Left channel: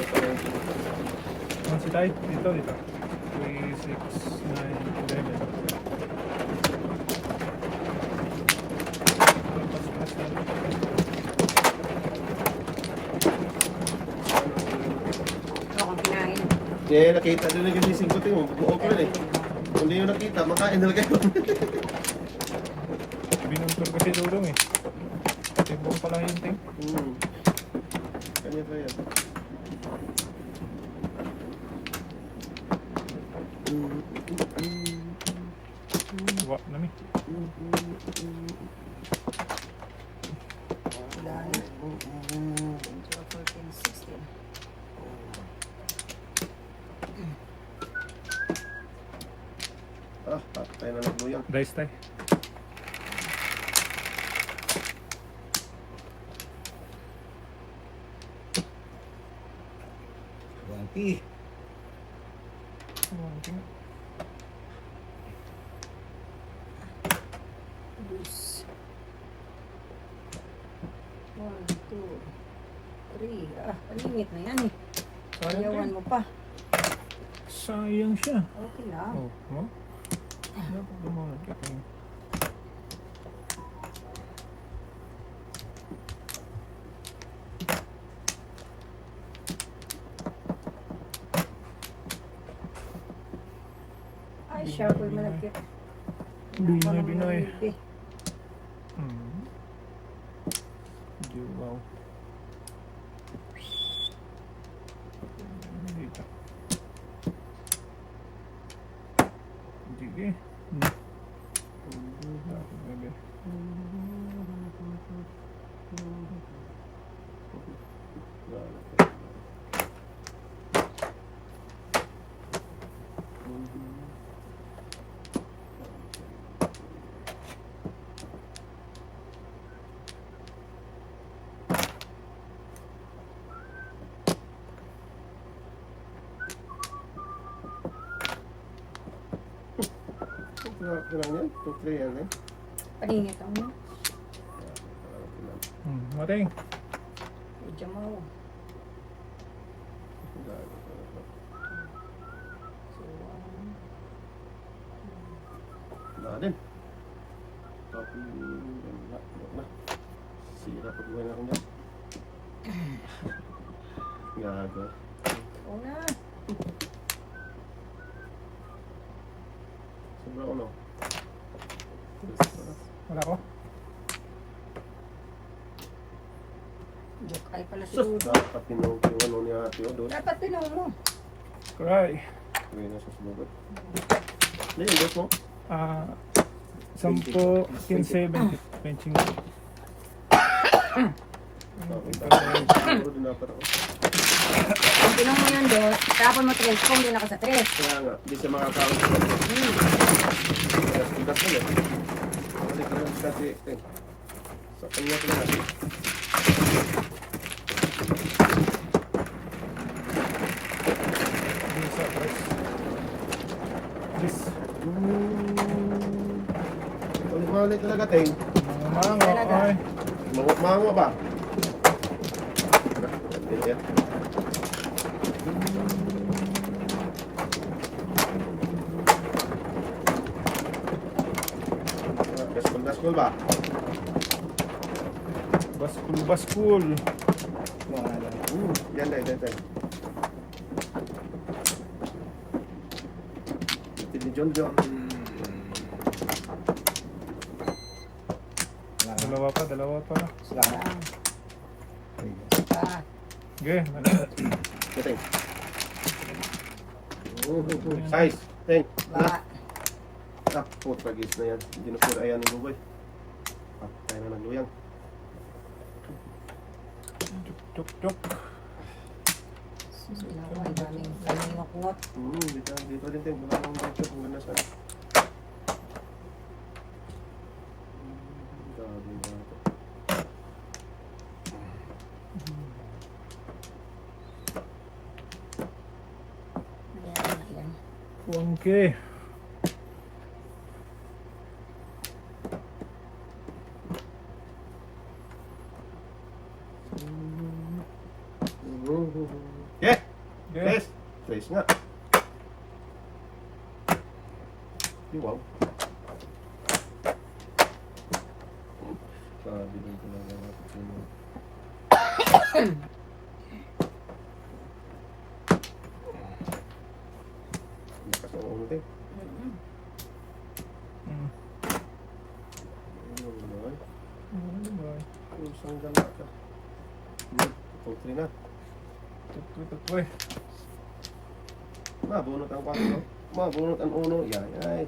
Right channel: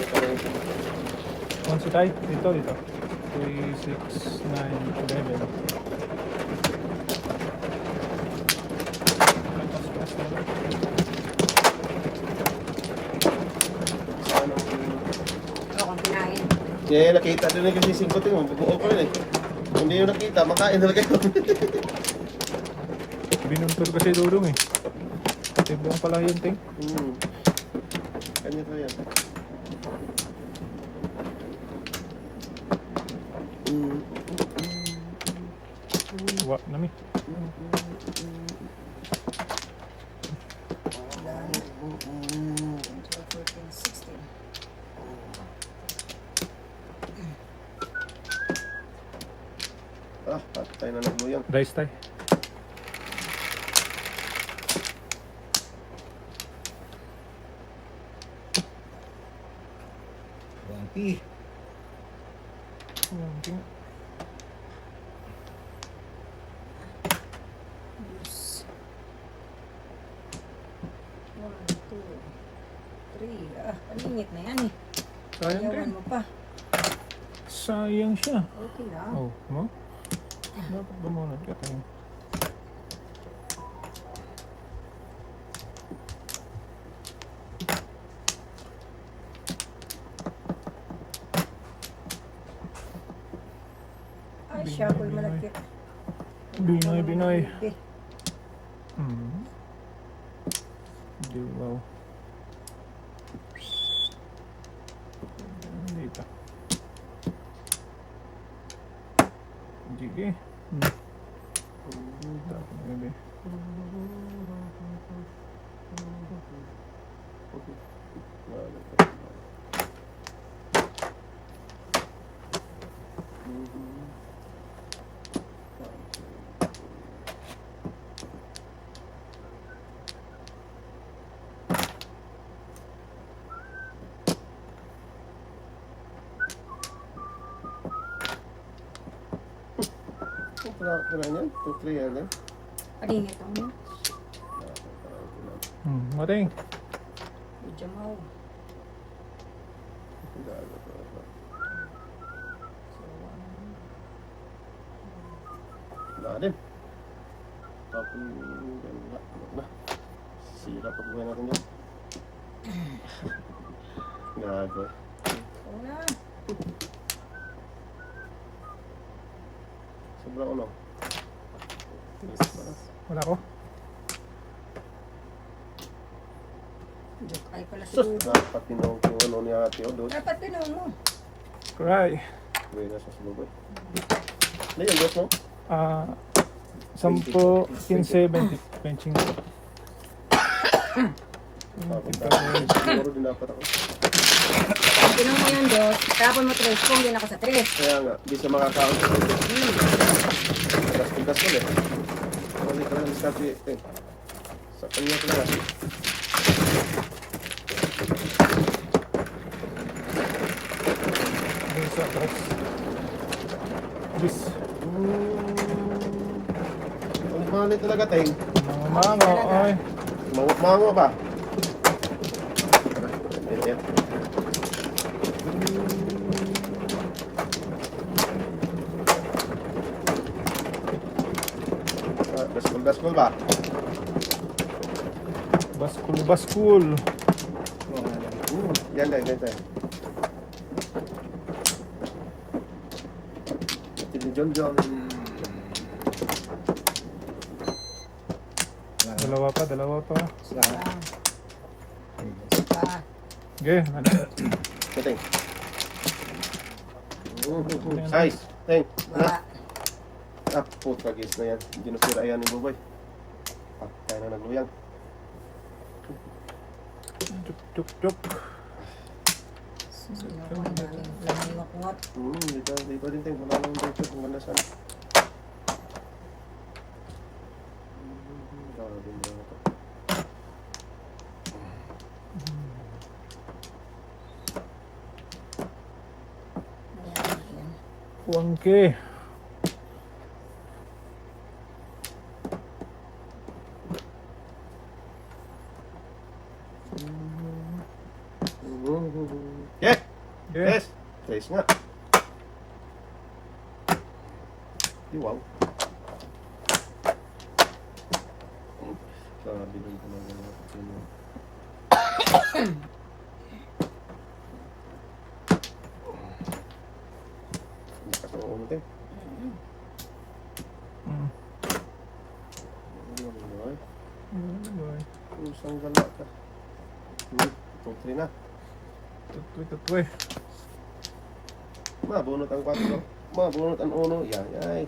Kung sa tayo, dito. 3, 6, 9, 11. Ako ang kinain. Kaya nakita din na kasi 5 tingin mo. Buo pa rin eh. Kung hindi nyo nakita, makain na kayo. Binuntor kasi durong eh. Tingnan pala yung ting. Kanya ko yan. Wak na mi. Dahil. 12, 14, 16. Patay na nagluyang. Dice tayo. Wangki. Diyos. 1, 2, 3. Palingit na yan eh. Ayawan mo pa. Sayang siya. Okay lang. Oh, no? Dapat bumuhat ka tayo. Ay, siya ako'y malagkit. Binoy. Eh, Hindi mo. Dito. Sige. Gabi. Kailangan yan? 2, 3 yan eh. palingit ang mo. Maring. Medyo mau. So, Natin. Tapos yan na. Sira pa buhay natin yan. Gago. oo na. Sobra ko lang. Wala ko. Joke ay pala Sus! siguro. Dapat tinawag yung ano ni Ate Odo. Dapat pinaw mo. Cry. Gawin na sa sulubot. Ano yung boss mo? 10, 15, 20. Benching. Siguro din dapat ako. Kung pinaw mo yan, Dot, kapon mo 3, kung din ako sa 3. Kaya nga, di siya makakaon. Tigas ko eh. Hindi ko lang kasi sa kanya ko lang. Yes. Ulit talaga, Teng. Mango. Okay. Mango ba? Yan. Daskol ba? Baskul. Yan lang, yan lang. Ito ni John John. Dalawa pa. Salamat. Okay. Ito. Size. Teng. Ba, Puta gis na yan. Hindi na sira yan ni Bubay. Tayo na nagluyang. Tuk. ginawa, galing makuhat. Dito din Teng. Wala nang dito. Kung ganda sana. Galing na ito. Yan. Wangke. Yeah. Ayos nga. Wow. Sabi din talaga natin. Lakas ang uno tayo. Mm. Ano ba ay? Bye. Kusang gala ka. Ito, 3 na. Tutwe. Mabunot ang 4. Mabunot ang 1. Yan, ay.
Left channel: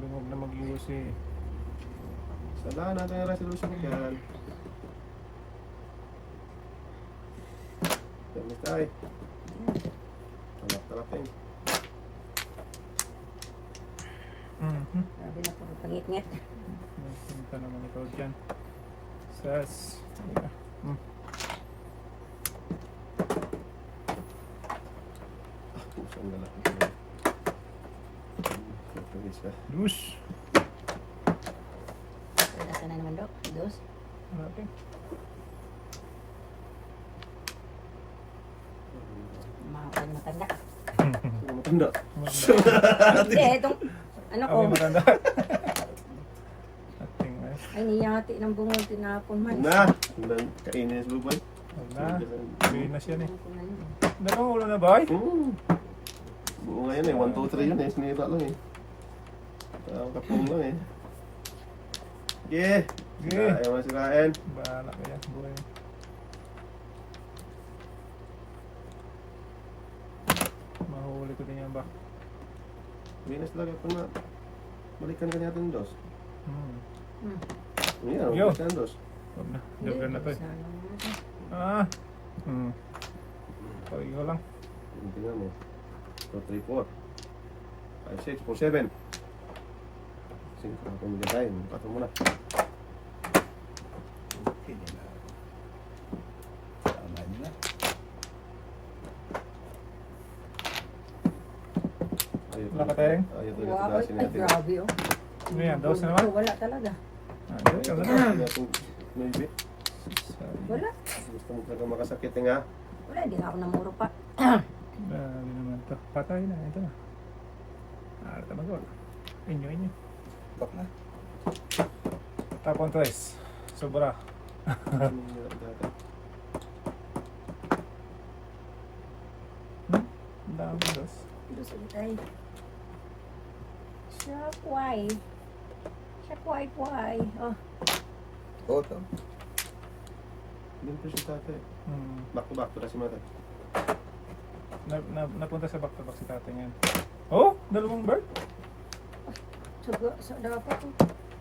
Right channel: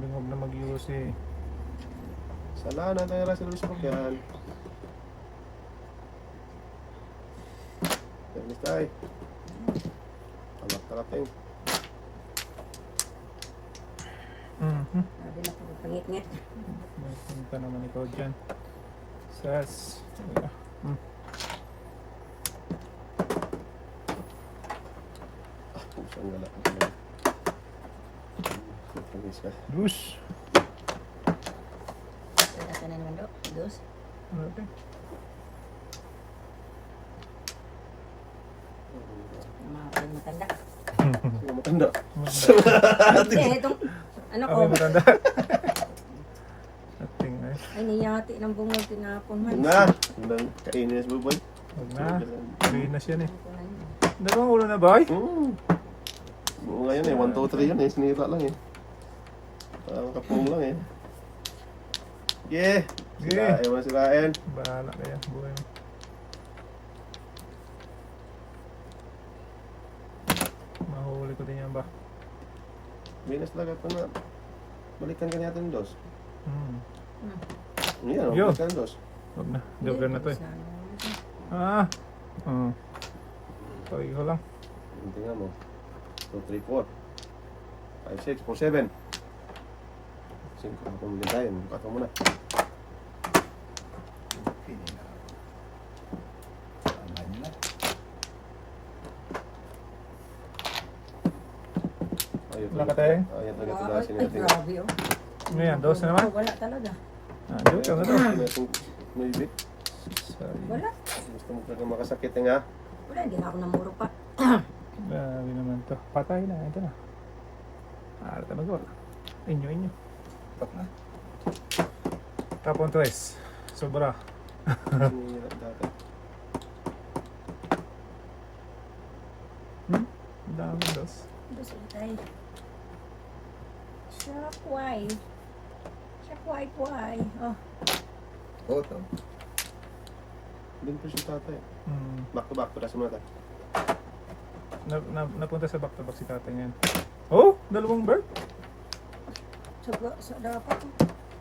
Lingog na mag-iwas eh. Sala na tayo sa Luis Pagyan. Yan na tayo. Talap-talap tayo. Sabi na po pangit-ngit. Punta naman ikaw dyan. Sas. Kusang gala ka talaga. Matalis ka. Luz. Sa na naman daw. Dos. Mga kayo matanda. Sino matanda? Hindi, itong ano ko. Ako maganda. Ating ay. Ay, niyati ng bungol tinapon man. Na! Ilang kainin si Buboy? Huwag na. Gawin na siya eh. Dalawang ulo na ba ay? Buo ngayon eh. 1, 2, 3 yun eh. Sinira lang eh. Kapong lang eh. Yeah! Yeah. Ayaw na sirain. Bahala ka yan. Buhay mo. Mahuli ko din yan ba? Venus talaga ito na. Balikan ka natin dos. Hmm. Yeah, Yo. balikan dos. Huwag na. Joker na to eh. Ah. Pareho lang. Tingnan mo. 2, 3, 4. 5, 6, 4, 7. 5 ako muna tayo. 4 muna. Hindi na ako. Tama niyo na. Ayaw Wala ka tayong? Ayaw talaga Ay, tugasin natin. grabe oh. Ano yan? Dose na naman? Wala talaga. Joker na to. Natin maybe. Wala. Gusto mo talaga makasakit nga. Wala, hindi nga ako namuro pa. Grabe naman to. Patay na. Ito na. Ito na gol. Inyo. Pak na. Tapon tres. Sobra. Sinira dati. Dami dos. Gusto ko tayo. Shakwai. Shakwai. Oh. Oo, to. Din po si tatay. Back to back. Tulasin mo natin. Napunta sa back to back si tatay ngayon. Oh! Dalawang bird? So dapat oh.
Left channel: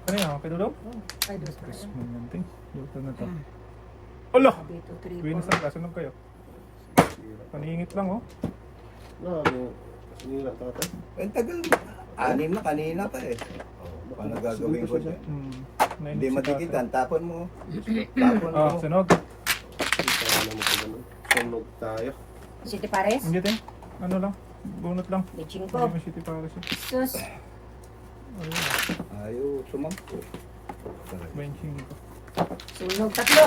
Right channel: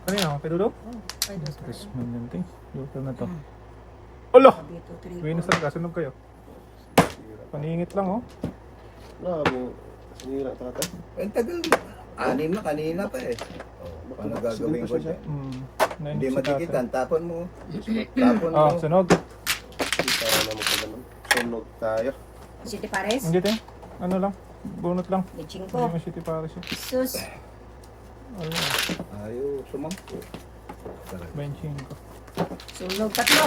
Ano yan? Pedulog? Oh, ay, dos pa. Chris mo yan, ting. Joker na to. Alo! Sabi ito, 3, Venus na kasunog kayo. Sinira. Paningit lang oh. Grabe. Sinira tatay. Ang tagal. 6 na kanina pa eh. Oh, paano gagawin ko dyan? Hindi matikitan. Tapon mo. Tapon mo. Oh, sunog. Tayo na mo ko ganun. Sunog tayo. City Pares? Hindi ting. Ano lang? Bunot lang. Leching Hindi ko. mo siya para siya. Sus. Ayaw, sumampo. Talaga. Benching ko. Sunog tatlo.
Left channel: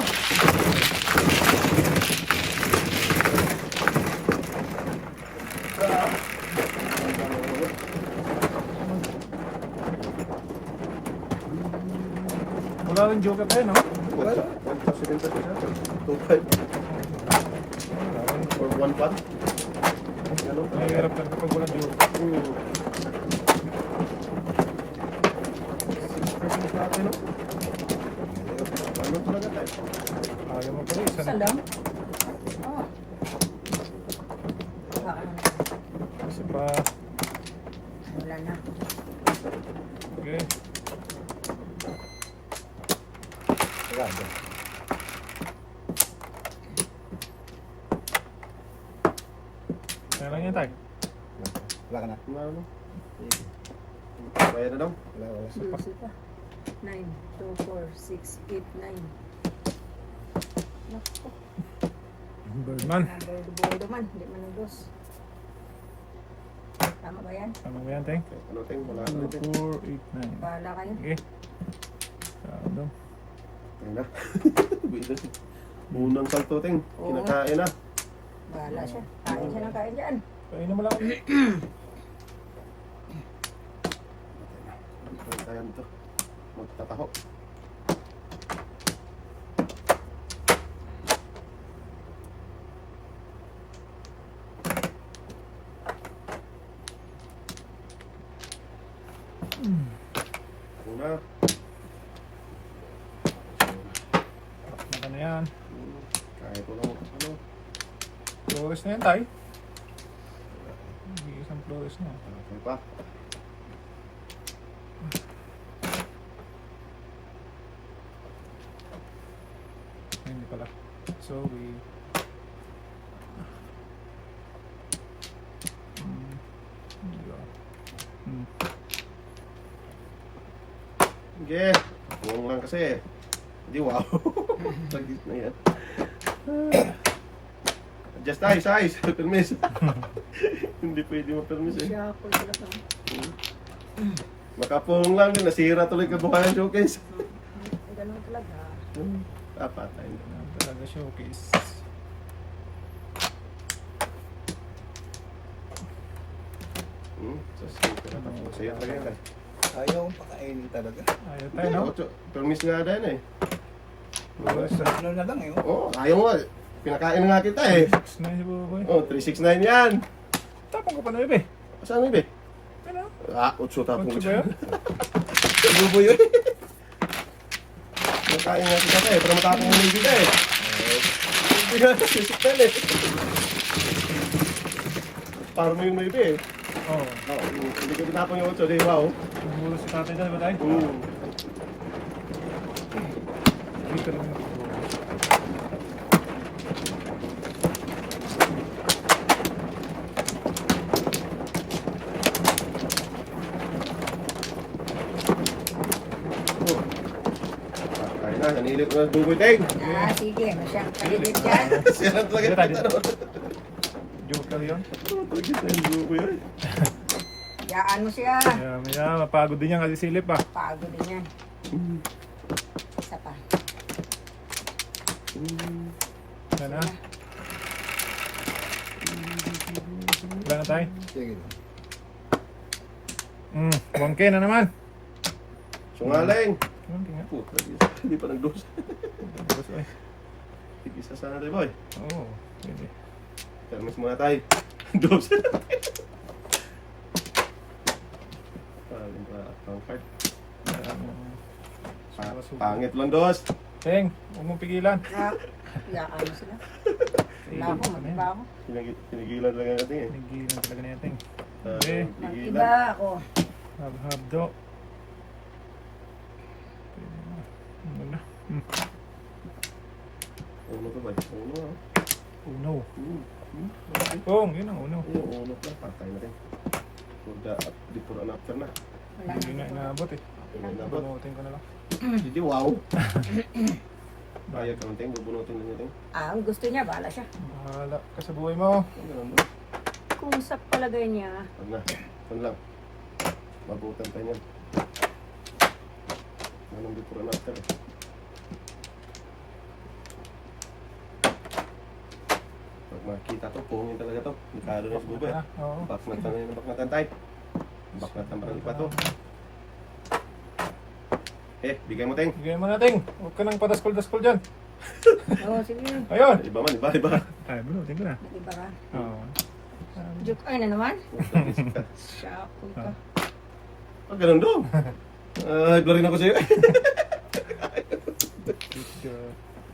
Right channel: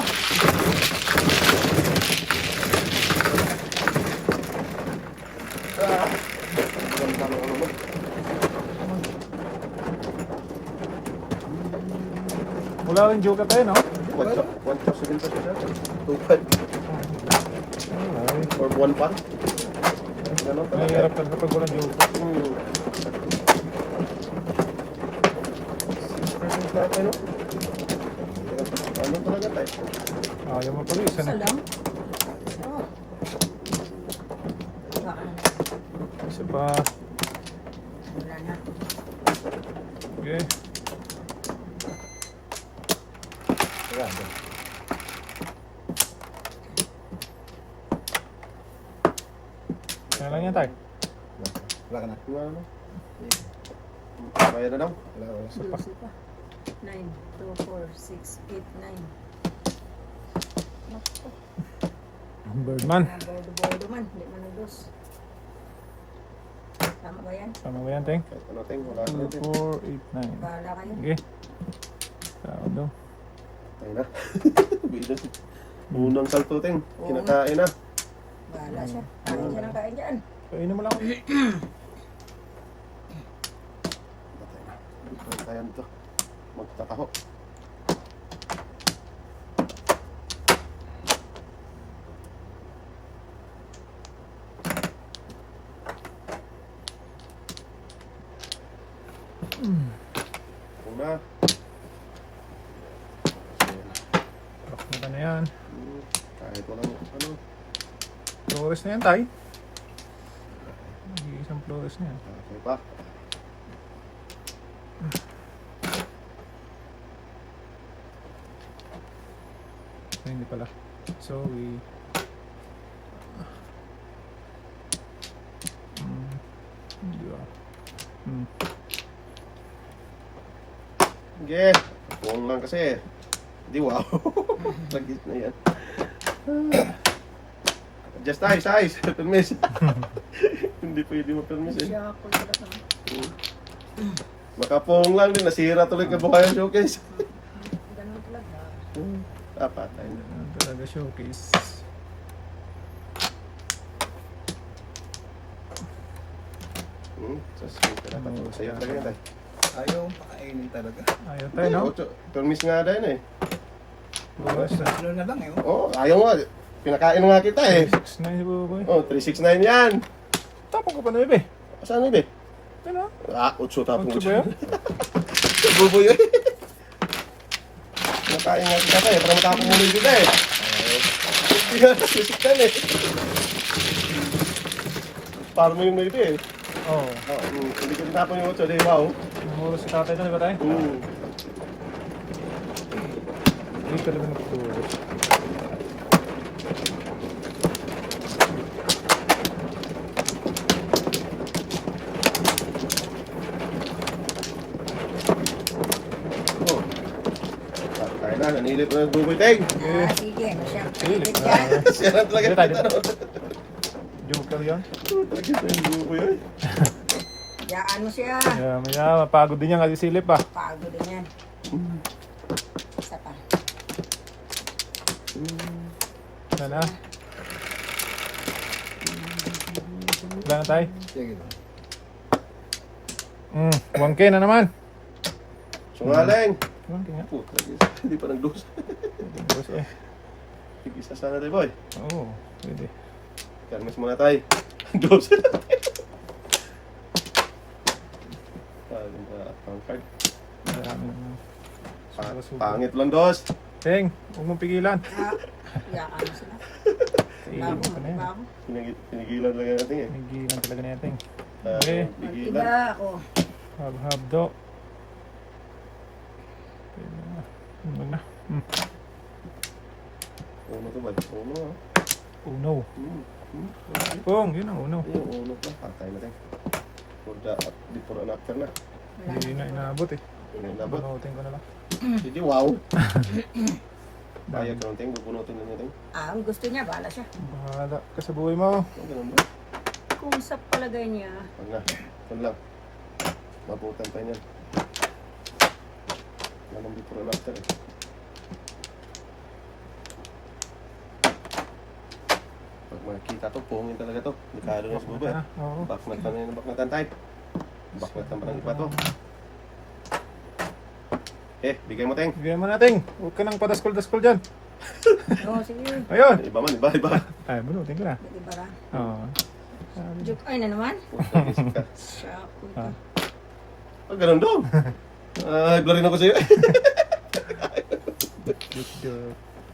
Wala rin joker tayo, no? One position po siya. 2-5. Or 1 pa. Ano pa? Mahirap na kapag wala joker. Ano? Ano talaga tayo? Ayaw mo pala isa Isa na. lang. Oh. Baka na. Isa pa. Wala na. Okay. Grabe. Kaya lang yan tayo. Wala ka na. Ano? Kaya na daw? Wala. Dusi pa. 9, 2, 4, 6, 8, 9. Naku. Birdman. Bordo man. Hindi mo na dos. Tama ba yan? Paano ba yan, Teng? Kahit ano tayo, wala 2, na din. 4, 8, 9. Bahala kayo. Okay. Tao daw. Ayun na. Bilis. Unang salto, Teng. Kinakain na. Bahala siya. Kain siya ng kain dyan. Kainin mo lang. Dito tayo dito. Magtataho. Una. Ano na yan? Kahit walang ano. Flores na yan, tay. Isang flores na yan. Okay pa. Hindi pala. Sorry. Hindi ba? Sige. Buong lang kasi. Hindi wow. Lagis na yan. Adjust tayo, size. Permis. Hindi pwede ma-permis eh. Siya ako talaga. Makapong lang din. Nasira tuloy ka bukayan showcase. Ganun talaga. Dapat tayo. Talaga showcase. Dapat sa'yo talaga yan tayo. Ayaw pakainin talaga. Ayaw tayo, no? Permis nga din eh. Ano na lang eh. Oh. Oo, ayaw nga. Pinakain na nga kita eh. 6'9" si Buboy. Oh, 369 yan. Tapong ka pa na, bebe. Saan yun eh? Ano? Ah, 8 tapong 8 ba yun? Bubo yun. Pinakain nga kita tayo. Para matapong ulit kita eh. Hindi nga, sisiktan eh. Para mo yung maybe eh. Oo. Oh, hindi ka tinapon yung 8, di wow. Siguro si tatay doon, ba tayo? Hindi ka lang nagtulog. Kaya na, nanilip na nagbuboy teng. Sige. Masyadong dyan. Siya talaga Sige, tayo. ano. Joke lang yun. Talaga na yung buboy eh. Yaan mo siya. Maya, mapagod din yan kasi silip ah. Pagod din yan. Isa pa. Yan ah. Wala na tayo. Sige lang. 1K na naman. Sungaling. 1K nga. Puta, hindi pa nag-dose. Tapos eh. Tigisa sana tayo boy. Oo, pwede. Termos muna tayo. Dose. Ang card. Pangit lang dos. Teng, huwag mong pigilan. Yaan mo sila. Pigilan Bago, ka na yan. bago. Pinigilan lang yan natin eh. Pigilan talaga na yan, Teng. Okay. Pigilan. Diba ako? Hab-hab do. Pwede na. Ano na? Uno to ba? Uno ah. Uno. Pong, yun ang uno. Uno pa. Patay na tayo. Before and after na. Hindi na inaabot eh. Hindi nabot. Bunutin ko na lang. Hindi wow. Kaya ka ng ting, bubunutin lang natin. Ang gusto niya, bahala siya. Bahala ka sa buhay mo. Ganun ba? Kung sa palagay niya. Huwag na. Huwag lang. Mabutan tayo niyan. Walang before and after eh. Pag makikita to, pungin talaga to. Dekado na si Bubo eh. Oo. Baknatan na yung baknatan tayo. Baknatan parang pa to. Bigay mo ting. Bigyan mo natin. Huwag ka nang padaskol-daskol dyan. Oo, sige. Ayun. Iba man, iba. Ay, bunutin ko na. Diba ka? Oo. Joke, ay na naman. Puta, isip ka. Siya, ka. Oh, ganun doon. Ay, blurrin ako sa'yo.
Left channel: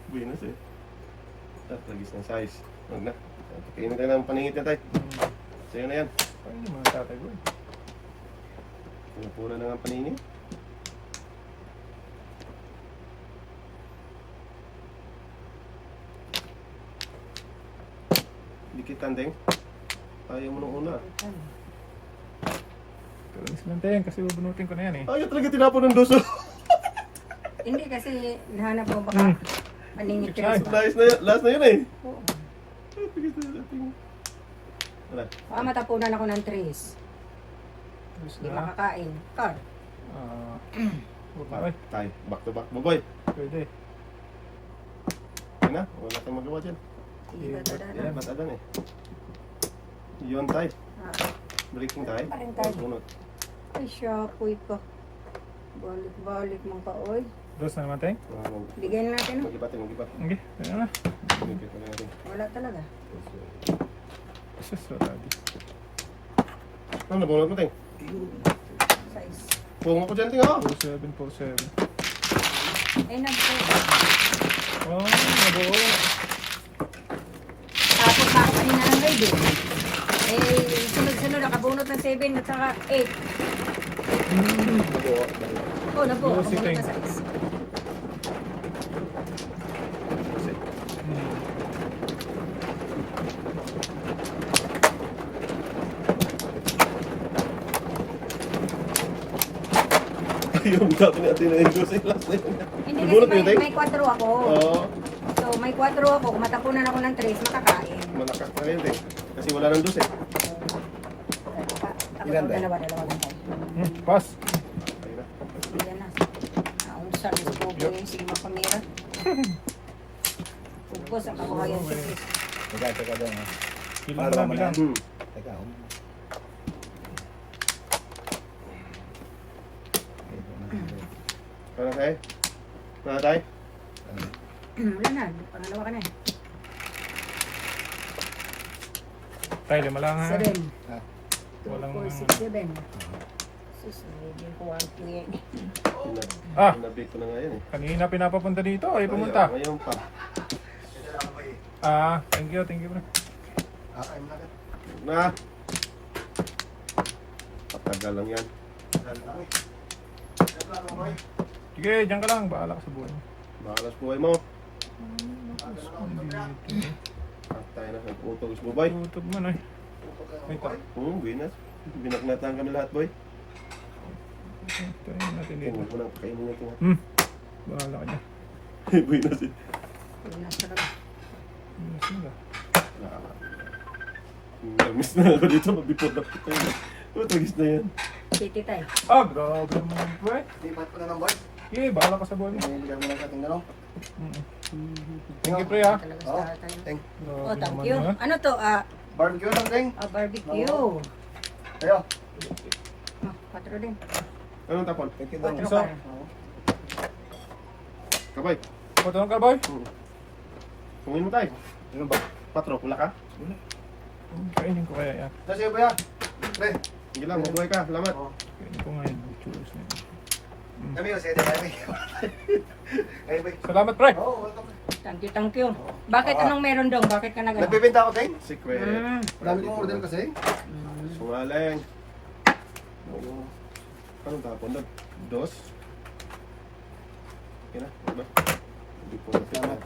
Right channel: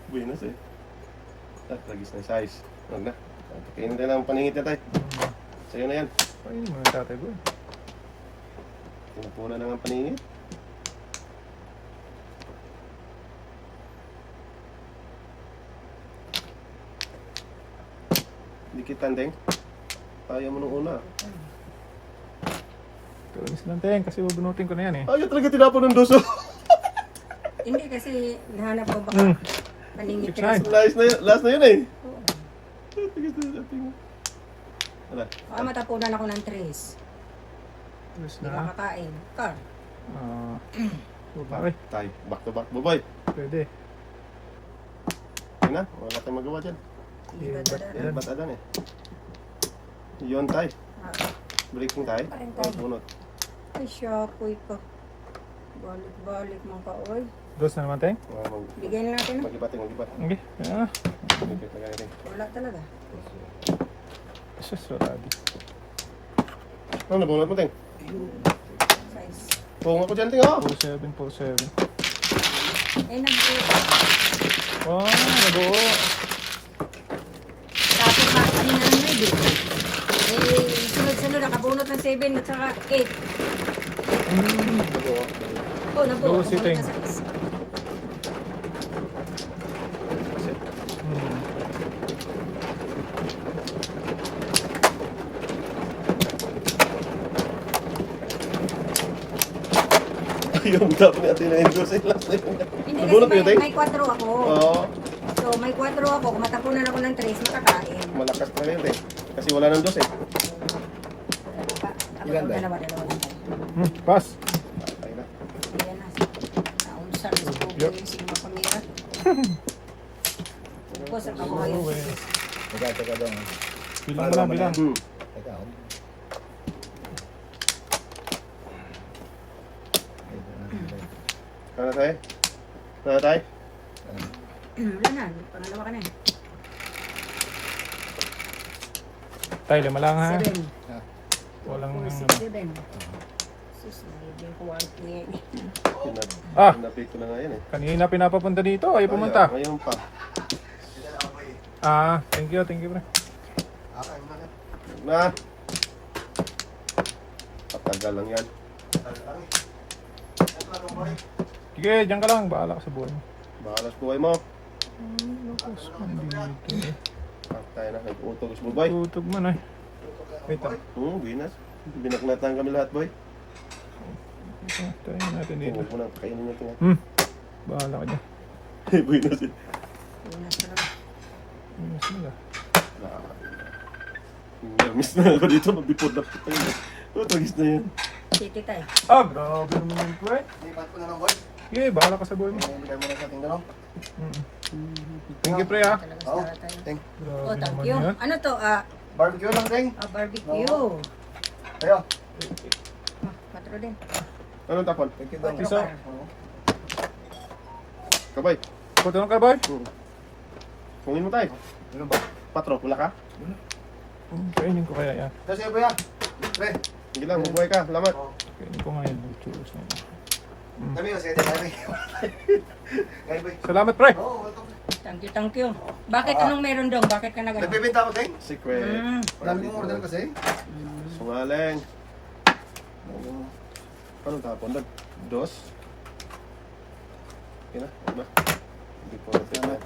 Buenas eh. At lagis na size. Huwag na. Pakainin tayo ng paningit niya tayo. Sa'yo na yan. Ay, mga tatay ko. Pinapuna na ng paningit. Dikitan, Teng. Ayaw mo nung una. Pero is lang tayo kasi bubunutin ko na yan eh. Ayaw talaga tinapon ng doso. Hindi kasi nahanap ko baka naningit ka Six, rin. Last na yun eh. Oo. Wala. Baka matapunan ako ng trees. Tapos Hindi na. makakain. Car. Ay, Tayo. Back to back, boy. pwede. na. Wala tayong magawa dyan. Hindi ba talaga? Ba't adan eh? Yun tay. Ah, Breaking tay. Paring tay. Bunot. Ay, siyapoy pa. Balik-balik mang kaoy. Dos na naman tayo. Bigyan na natin, no? Mag-ibating, mag-ibating. Okay, kaya na. Wala talaga. Sus, wala di. Ano, nabunot mo, Ting? Size. Bunga ko dyan, Ting, oh. 47. Ay, nagpo. Oh, nabuo. Tapos bakit na ng baby? Eh, sunod-sunod, nakabunot ng 7 at saka 8. Nabuo. Oh, nabuo. Buo si Ting. Nakabunot na 6. Yung dapat natin na yung sa ilas. Hindi Nabunot mo kasi yun, Ting? may 4 ako. Oo. So, may 4 ako. Kung matapunan ako ng 3, makakain. Malakas na rin, Ting. Kasi wala nang dos eh. Ilan ba? Dalawa lang tayo. Pass. Ayun na. Yan na. Naunsan sa buko yung sigma kamera. Ito sa kabuhayan sa Diyos. Teka daw. Bilang Pangalawa na, mo na. bilang. Teka, Ano tayo? Ano tayo? Wala na. Pangalawa ka na. Tayo, lima lang ha. 7. Walang 4, 6, 7. Sus, nagiging kuwanti niya. Ah! Pinabit ko na nga yan eh. Kanina pinapapunta dito, ay pumunta. Ngayon pa. Ah, thank you bro. Na! Patagal lang yan. Sige, dyan ka lang, bahala ka sa buhay mo. Bahalas buhay mo. Patay na. Nag-utog mo, boy. Tutog mo na eh. Wait, Binas. Binaknatan kami lahat, boy. try natin dito. Huwag mo na kainin niya ito. Bahala ka dyan. Binas eh. Pinas na lang. Yes, nila. Miss na ako dito. Mabipod na kita yun. Utagis na yan. Titi tayo. Ah, grabe naman po eh. Lipat ko na lang, boy. Sige, bahala ka sa buhay mo. Bigyan mo na sa ating dalawang. Thank you, pre ha. Talaga Oh, sa tayo. thank. Oh, thank you. Ano to? Barbecue lang, Ting. Barbecue. Kaya, Oh, 4 din. Anong tapon? thank you daw. 4 Isa. ka. Kabay. Pagtanong ka, boy? Kungin mo tayo. Ano ba? Patro, wala ka? Kainin ko kaya yan. Kasi ba yan? Pre, Sige lang, mabuhay ka. Salamat. Kainin ko nga yan. Churros na. kami yung sete, kami. Kaya ba? Salamat, pre. Oo, welcome. Thank you. Bakit anong meron daw? Bakit ka nag-ano? Nagbibenta ako, Ting. Secret. Dami kong order kasi. Sungaling. Anong tapon doon? Dos? Okay na, diba? Hindi po natin na.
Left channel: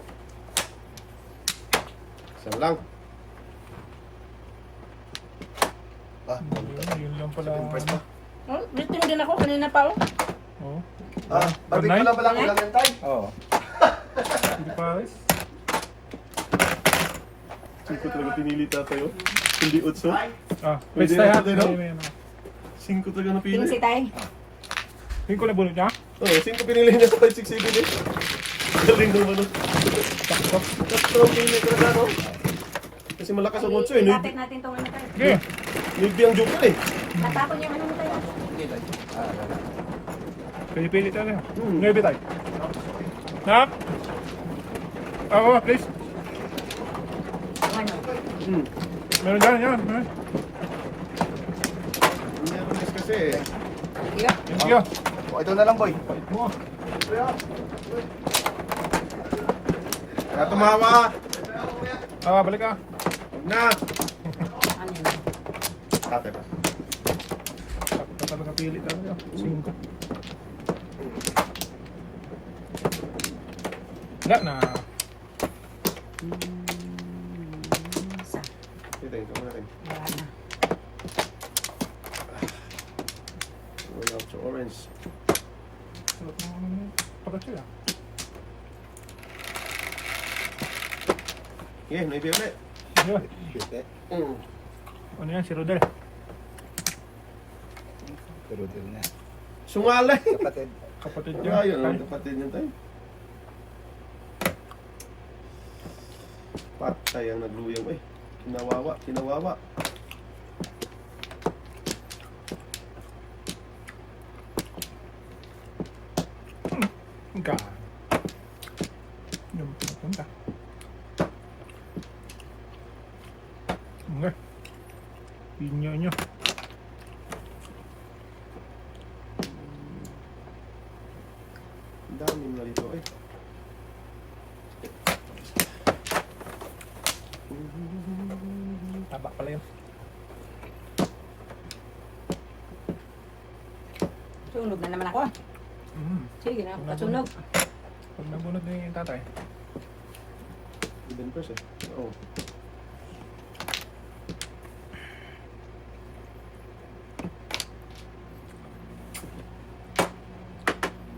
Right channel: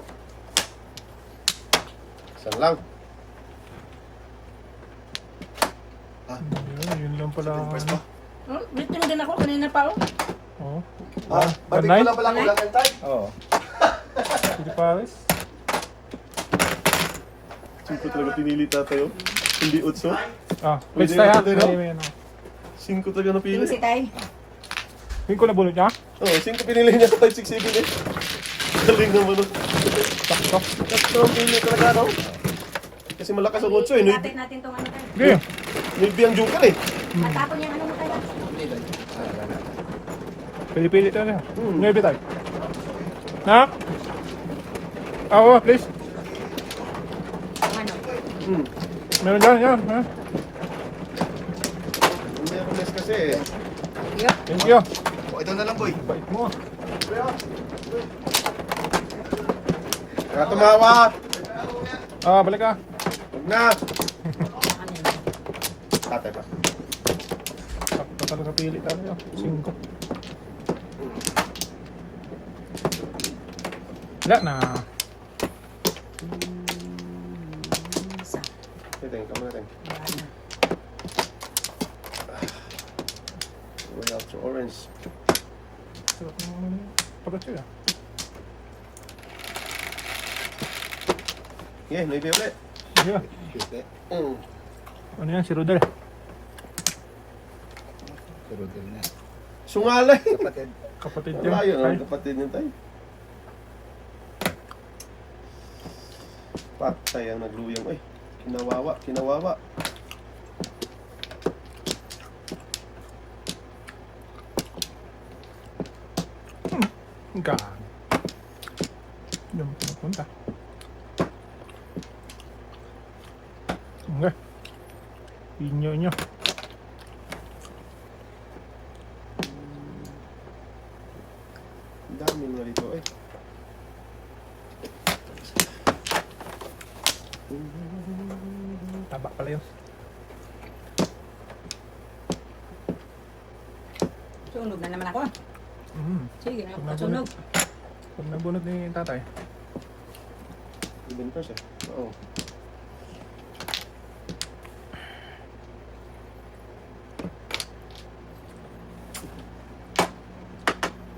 Isang lang. Yun lang pala. Pwesto. Oh, dito tinigil ako kanina pa oh. Oo. Barbecue lang pala kailangan tayo. Oo. Hindi pares. Cinco talaga pinili tatayo. Hindi utso. Ah, Pwede let's tayo ha. natin, no? May ano. Cinco talaga napili. Pinsi tayo. Hindi ko na bulot niya. Oo, cinco pinili niya sa 5, 6, 7 eh. Galing naman. Sakto. Tatlo ang pili talaga, no? Kasi malakas ang utso eh. Lapit natin tong ano tayo. Sige. Nilbi ang joker eh. Natapon yung ano mo tayo. Pili-pili tayo na. Ngayon tayo. Na? Ako, please. Ano? Meron dyan, yan. Ha? Hindi ako mas kasi eh. Yeah. Thank you. Oh, ito na lang, boy. Bait mo. Kaya tumawa. Ah, balik ka. Huwag na. Ano yun? Tatay ka. Sakto talaga pili talaga. 5. Wala na. Isa. Ito yung kamera. Wala na. Wala sa orange. Sarap naman yun. Pagkatsi ah. Yeah, nagay ulit. Yeah. Sete. Ano yan, si Rodel? Pero din na. Sungalay. Kapatid. Kapatid Wala yun. yun, ang kapatid niya tayo. Patay ang nagluyang. Ay, kinawawa, kinawawa. Gag. Doon pupunta. Okay. Inyo nyo. Ang dami mga dito. Ay. Taba pala yun. Sunog na naman ako. Sige na ako kasunog. Kung nagbunot ni tatay. Ibon pa siya. Oo.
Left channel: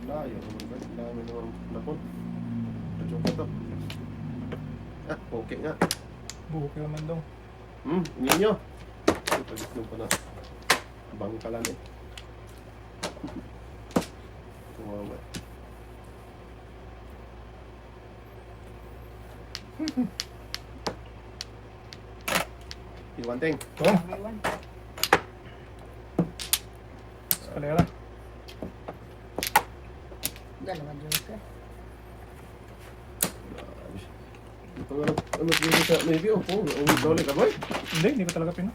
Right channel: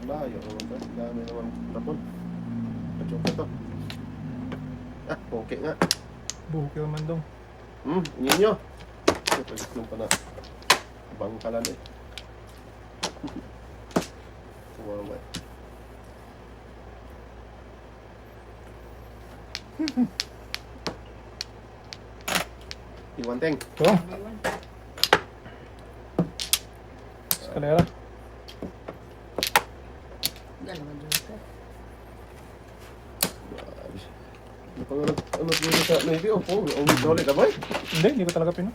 Layo naman ba? Dami naman napon. Pachong pa to. Ah, okay nga. Buhok yung mandong. Ingin nyo. Ito, pag-itlong pa na. Bangkalan eh. Tumawa. Iwanteng. Ito. Aywan. Eskalera. Dalawa dyan ito. Ano dito sa maybe o po? Ang dole ka boy? Hindi ko talaga pino.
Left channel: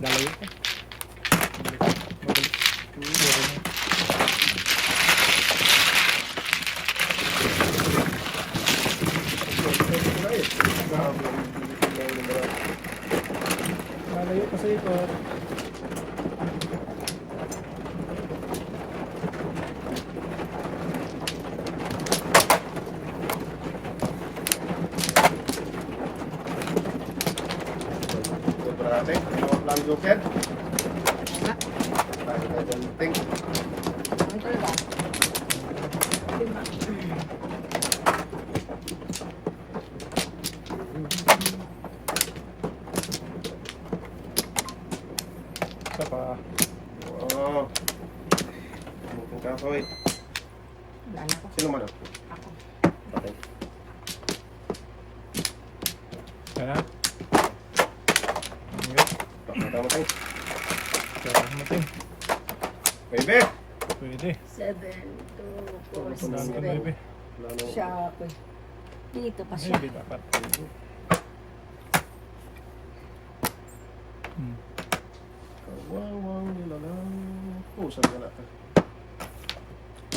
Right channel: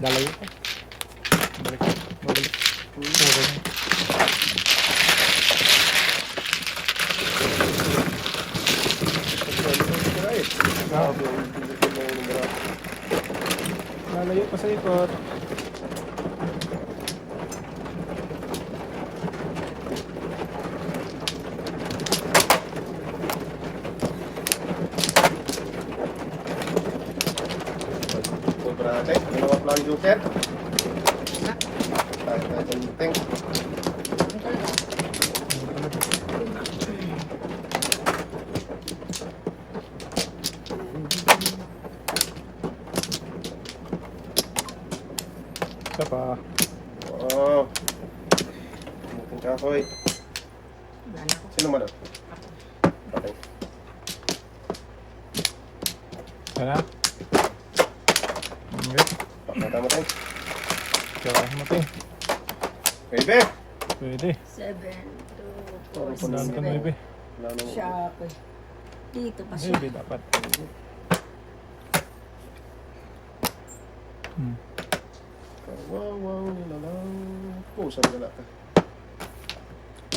Dalayo ko. Balik. Babalik. Lalayo pa sa ikot. Berarti, lewat pelan joker. Tayo penting. Ang talaga. Isa pa. Oh. Mungkin kahoy. Wala na ako. Sino mana? Ako. Okay. Isa na. Okay. Tama tayo. Sarap mo ito. Baby! Pwede. 7, 2, 4, Nandun 6, na ibe. Wala nang... Siya ako. Dito pa siya. Baby dapat. Wow, nilalang. Pusan wala ka.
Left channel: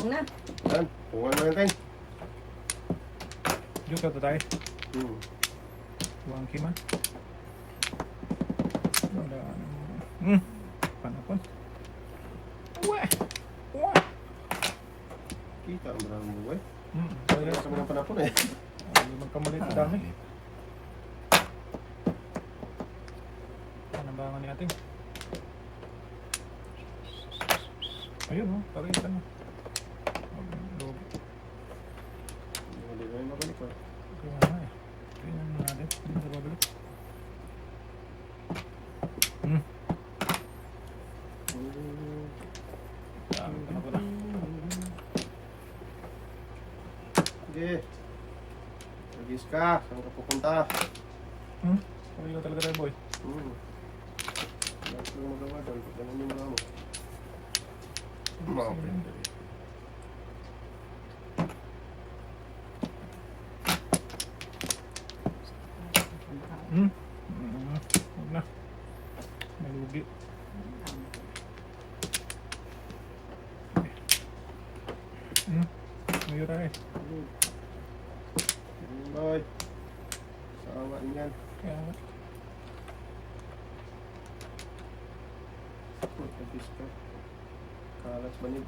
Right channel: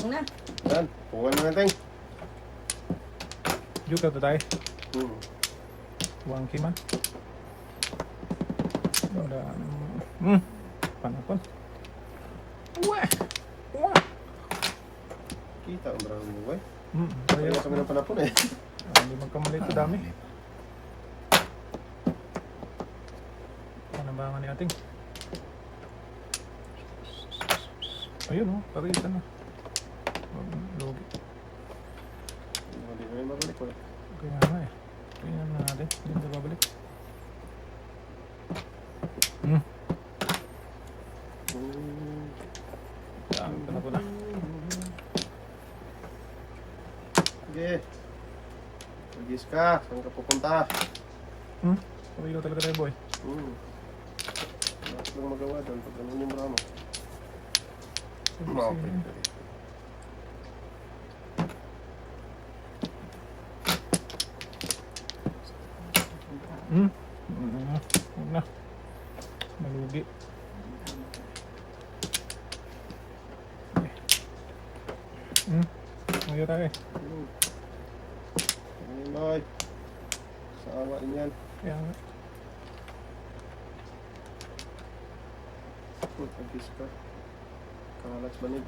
Huwag na. Yan, pungan na natin. Dito to tayo. Wangki man. Wala. Panapon. Kita ang marami mo eh. Kaya Kaya kami ng panapon eh. hindi magkamalit ko dami. Ano ba ang natin? Ayun, pakita na. Lugi. Hindi ko rin mabalik ko eh. Kaya na eh. Kaya na natin. Hindi na babalik. Dami pa na ko na. Sige. Magis ka. Saan ka pupunta? Sabi ko talaga rin boy. Wala lang magawa doon. Pag ganun yung maramo. Okay. Huwag na. Malugi. Ngayon tayo. Boy. Sama din yan. Kaya nga. Magis ka. Kalats banid.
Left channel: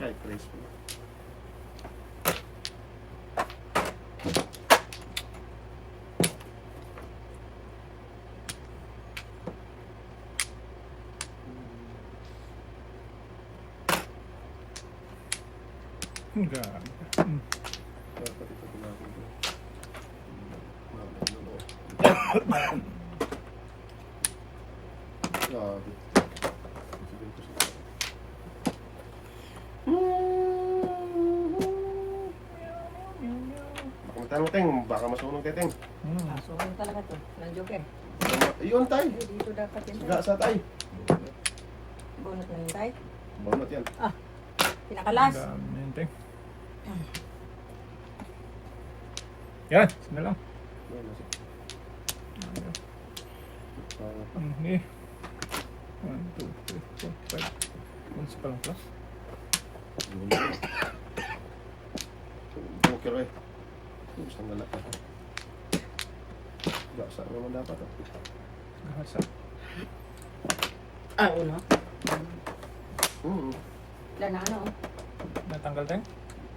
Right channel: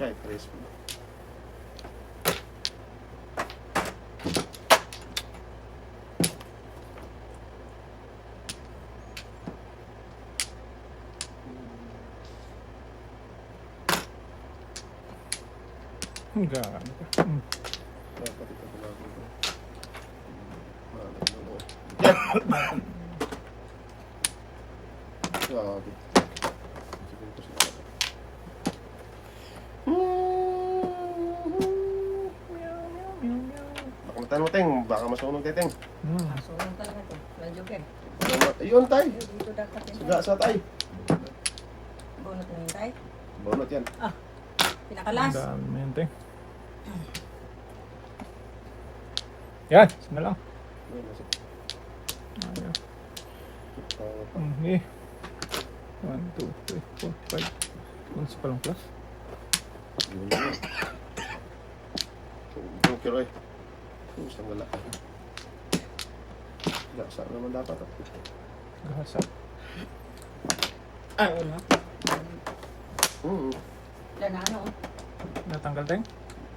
Kahit praise mo. Grabe ka. Kaya pati ito ginagawa ko. Grabe. Sabihin ko siya. mo, Ting. Baka masunog kay Ting. So, ano talaga to? Walang joker. Ayun, tay. Dito dapat yun. Saga sa tay. Bunot na yun tayo. Bunot yan. Pinakalas. Dami yun, Ting. Yan, na lang. Okay. 1, 2, 3, 4, 5. Yung sa palang plus. Joker ay. Isang galak ka. Gasa naman dapat. Gahasa. Ah, uno. Wala na ano. Natanggal, Ting?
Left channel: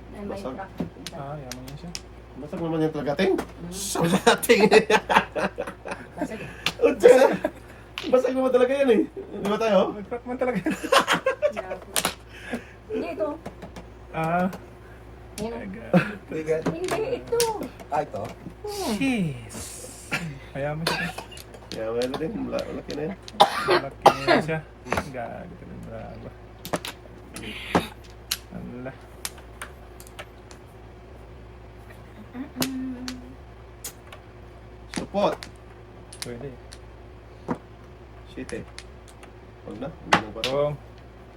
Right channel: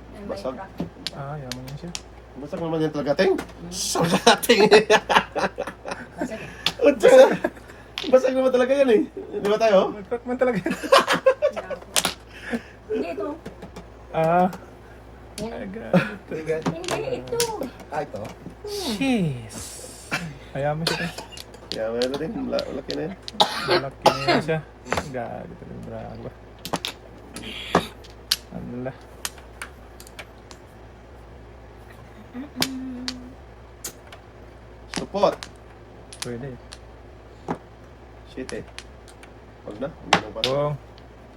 Yan may Basag. crack. Yaman yun siya. Basta naman yung talaga, Ting. Talating. Basag eh. Utsa. Basag naman talaga yan eh. Di ba tayo? Nag-crack man talaga. Hindi ito. Bigat. Hindi ito. Ito. Jeez. Kaya mo siya, Ting. Yeah, meron din. Malaki na yan. Malaki na siya. Galit ka rin, bravo. Alhamdulillah. Support. Pwede. Shit eh. Huwag na. Hindi nang pato. Buwang.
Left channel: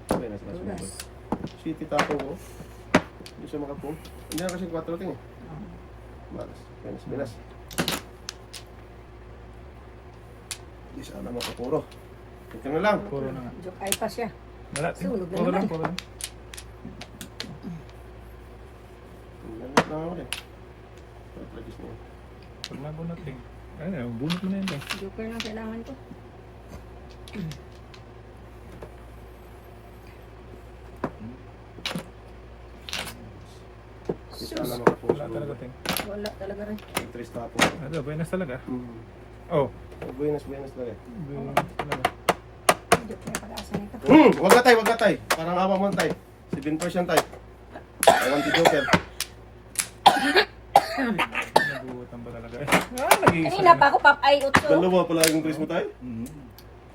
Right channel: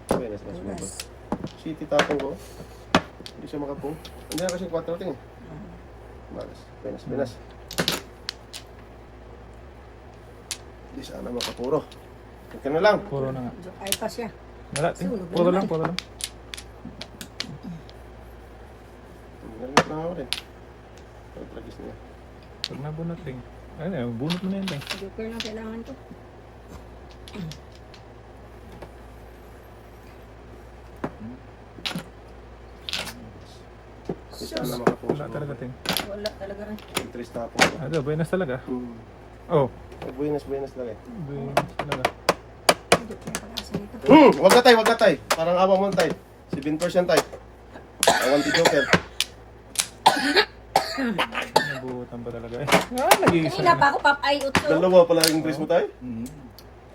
Okay, nasa sumabot. Shit, tapong ko. Hindi siya makapong. Hindi na kasi 4 ting. Malas. Binas, binas. Hindi sana makapuro. Ito na lang. Puro na nga. Joke ay pa siya. Wala, Ting. Sunog na Puro naman. lang, puro lang. Galit lang ako rin. Kahit lagis na. Huwag na bunot, Ting. Ano, bunot mo na yun, Ting. Joker yung kailangan to. Hindi sana makapuro. Wala talaga, Ting. Wala talaga rin. Interest tapong. Ito, buenas talaga. Oh, Buenas, buenas lang eh. buenas talaga. Joke na pag-asa nito. Wag na tay, wag na tay. Parang awa mo tay. 7% tay. Awan ti Joker. Nabutan ba talaga eh? Nag-iisa Kanina pa ako pap ay utso. Dalawa pala yung interest mo tay.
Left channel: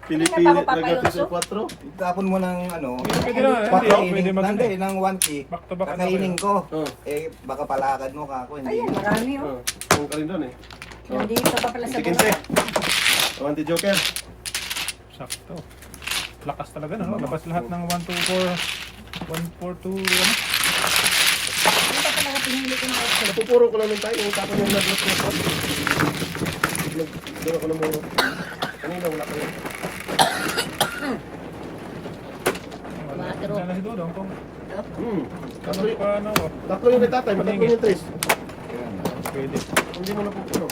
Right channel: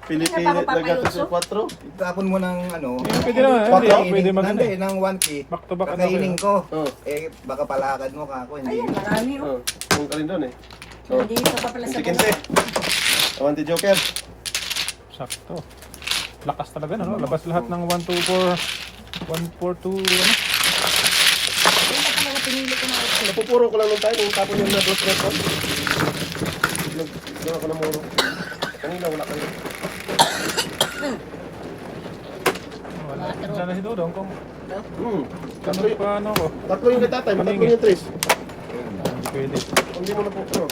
Pilipili Ano pa ako, nagati sa papayos? 4. Itapon mo ng ano. Pwede naman, Bakit? hindi, pwede maganda. Nandi, ng 1K. Back to back. Kakainin ko. Oh. Eh, baka palakad mo ka ako. Hindi. Ayun, marami oh. Kung ka rin doon eh. Nandito pa pala sa Kinti-kinti. Awan ti Joker. Sakto. Lakas talaga, no? Labas lahat ng 1, 2, 4, 1, 4, 2, ano? Hindi pa talaga pinili ko na utso. Napupuro ko lang nung tayo. Yung tapon yung nabot na ko. Nagdawa ko na muro. Kanina wala ka yun. Sana si Dodong kung Tatlo yung, ano, tatlo yung kay tatay. Matatlo yung tres. pwede. Hindi mo na pupuro.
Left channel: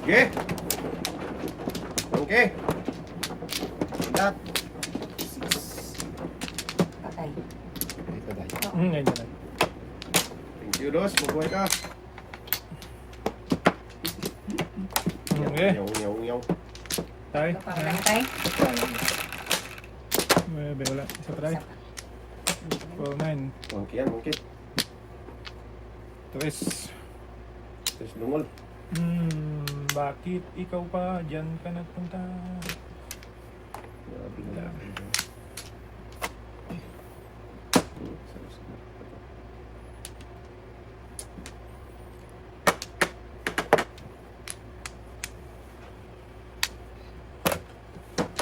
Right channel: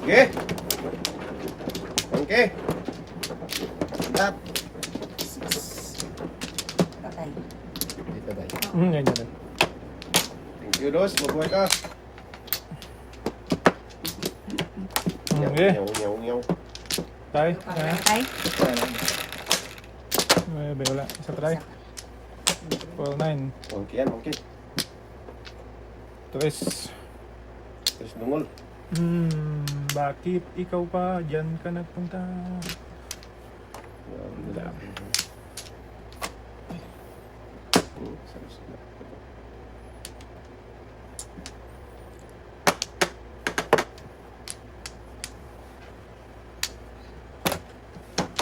Okay. Okay. Tat. Patay. Dito tayo. Ganyan na. Thank you, Dos. Mabuhay ka. Okay. Nyaw, nyaw, nyaw. Tay. Patay. Wala. Isa try. 4, 9. Monkey yan, monkey. Twist. Terus dungol. Bakit ikaw pa dyan ka nagpunta? Grabe na lang. Sarap-sarap.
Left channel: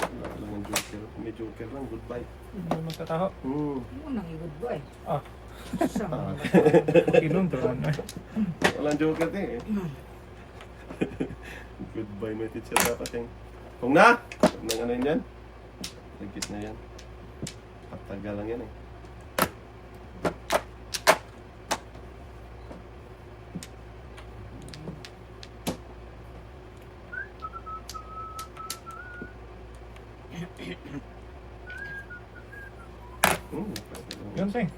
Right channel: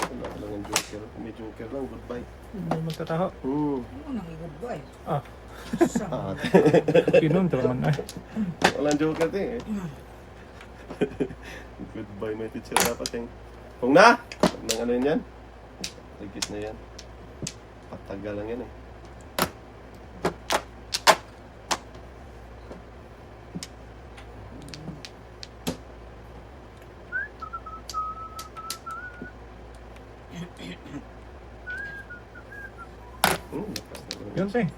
Wala ka lang yung joker. Kung may joker lang, goodbye. Hindi mo magkataho. Oo, nangigod ba eh. Ah, Ah, pinuntrawan ay. walang joker din eh. Goodbye, my teacher. Dapat yung... Kung na! Huwag nang ano yun yan. Lagkit na yan. Patagal lang yan eh. Yun, Ting.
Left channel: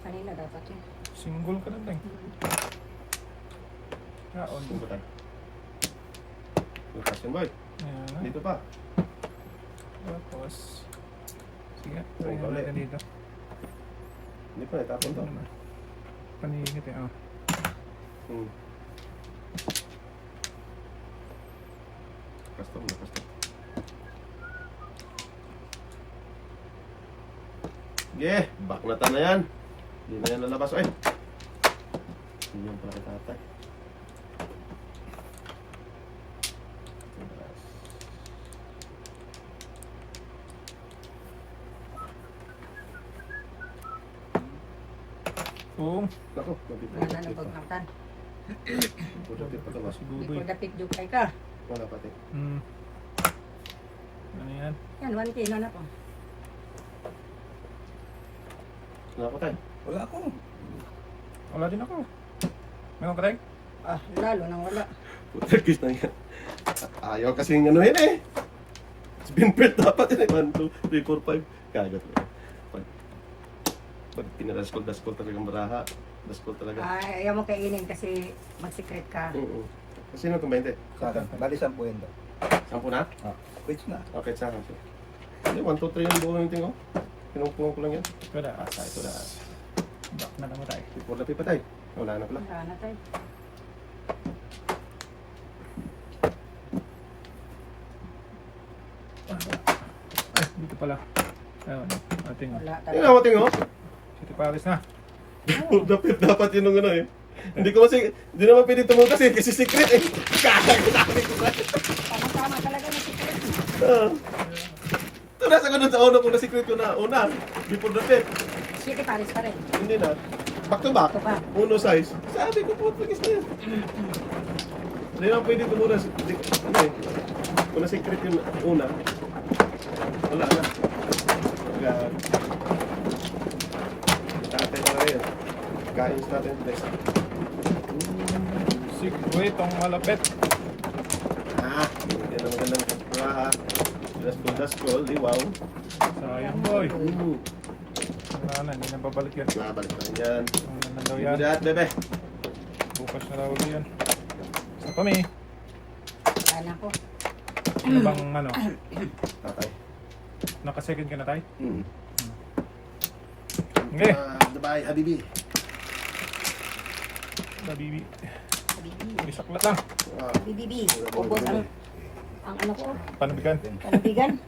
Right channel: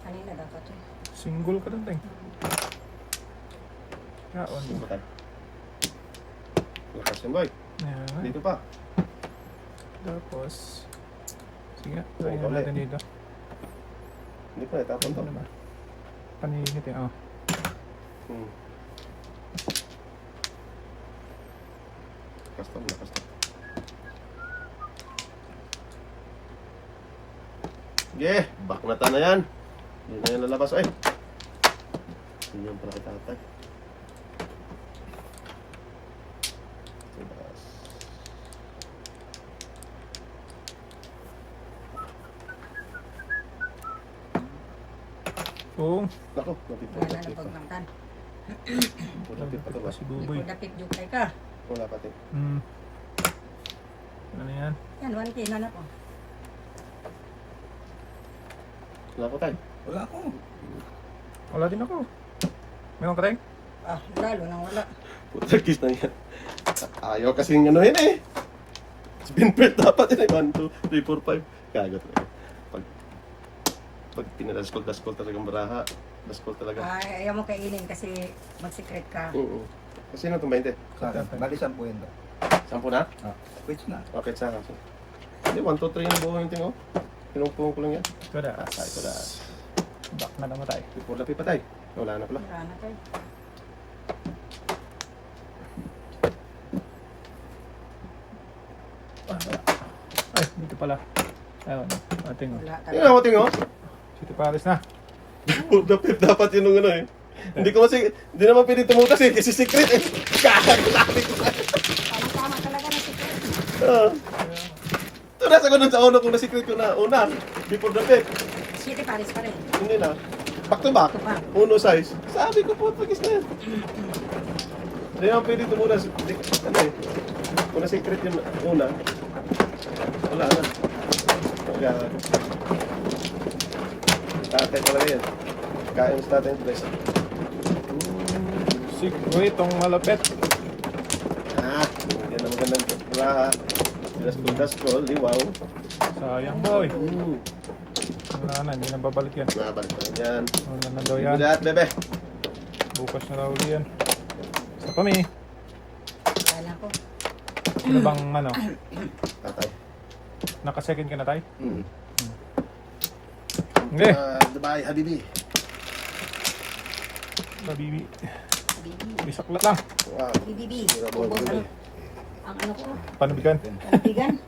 Kanina dapat yun. Single ka doon, Ting. Kaon. Saan ba tayo? Lakas yan, boy. Yan. Dito pa. Tapos, sige, try Ulit. natin dito. Hindi pa, natapon to. Ano ba? Paninit eh, oh. Lakas to. Yeah, back na ta na yan. Hindi na yan lalabas. Ay! Hindi yung pala kitatay. Labas. Oo. Naku, nabipot Wala na pa. pagkaktan. Pudapit pa to ba? Si Di Buboy. ko dapit jukay ka. Wala pati. Ano yan? Yan, 1K na na po. Wala ko tayo. Wala ako. Wala din ako. May mga patay? Ah, lalo nang wala. Putagis na yan. Ayaw kasi yung ano yun eh. Spin bet dapat yun eh. 1, 2, 3, 4, 5. Kagat na yun. Pag pinadaskol talagang baraha. Daskol talaga. Ay, ayaw mo kainin kasi mag-secret ka. Oo. Kasi sino itong 20? Sa akin. Bali 10 yun to. 10 na? Ah, quits na. Okay, sa akin. Hindi, 1, 2, 3 yung buong yung tingo. Pinungpung ko lang yan. Ito na. Ito na. Back na namatay. Ipur lapi pa tayo. Wala na pala. Wala na tayo. Ay, dito pala. Ayun. Ating. Wala Yung talaga. ako tingo. City Palace na. Dapat yun nung ano eh. Hindi ko kasi, hindi naman pwede tumutas eh. Kasi secret eh. Tama-tama talaga na secret. Ah. Ito nasa ko dun sa una kung na-secret ko na una. Before the pit. City Paris pa rin. Hindi na. Back to back. Ito pa. Uno size. Sabi ko po, pagkis na yan. Hindi naman pwede tumutas. Ano eh. Kung na-secret yun una. Wala na. Tatay talaga yun. Kain sa tatay. Bless. Uy, itong malapit. Ah, yan ang magandang laha. Daskol, liwaw. Sayang boy. Mm. Wala na, hindi na babalik yan. Nabalik pa rin yan. Wala na daw yan. Give me that, bebe. Bukas na daw yan. Sa kami. Wala ko. Ano bang ano? Tatay. Naka-second ka na tayo? Mm. Okay. Dubai, Habibi. Babibi. Bibi. Bisaklat lang. Wow. Bibi. Ubos ang ano ko. Panbigan. Panibigan.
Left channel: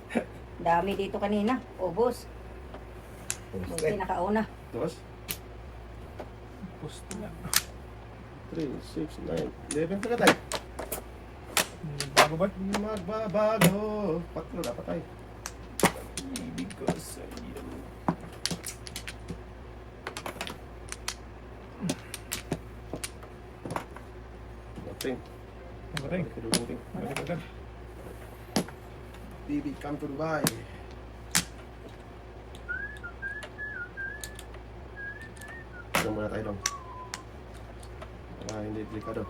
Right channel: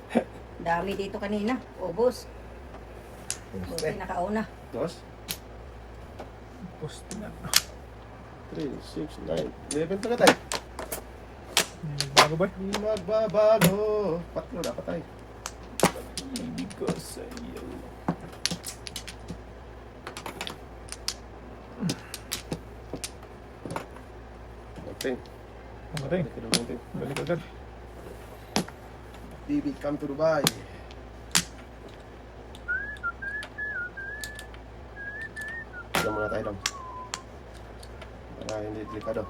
Dami dito kanina. Ubos. Buti Poste. nakauna. Boss? Post na. 3, 6, 9, 11 pa ka tayo. Bago ba? Magbabago. Patlo, dapat tayo. Ibig ko sa iyo. Nating. Magaling. Nating. Balik agad. Bibi, come to Dubai. Tignan muna tayo lang. Para hindi delikado.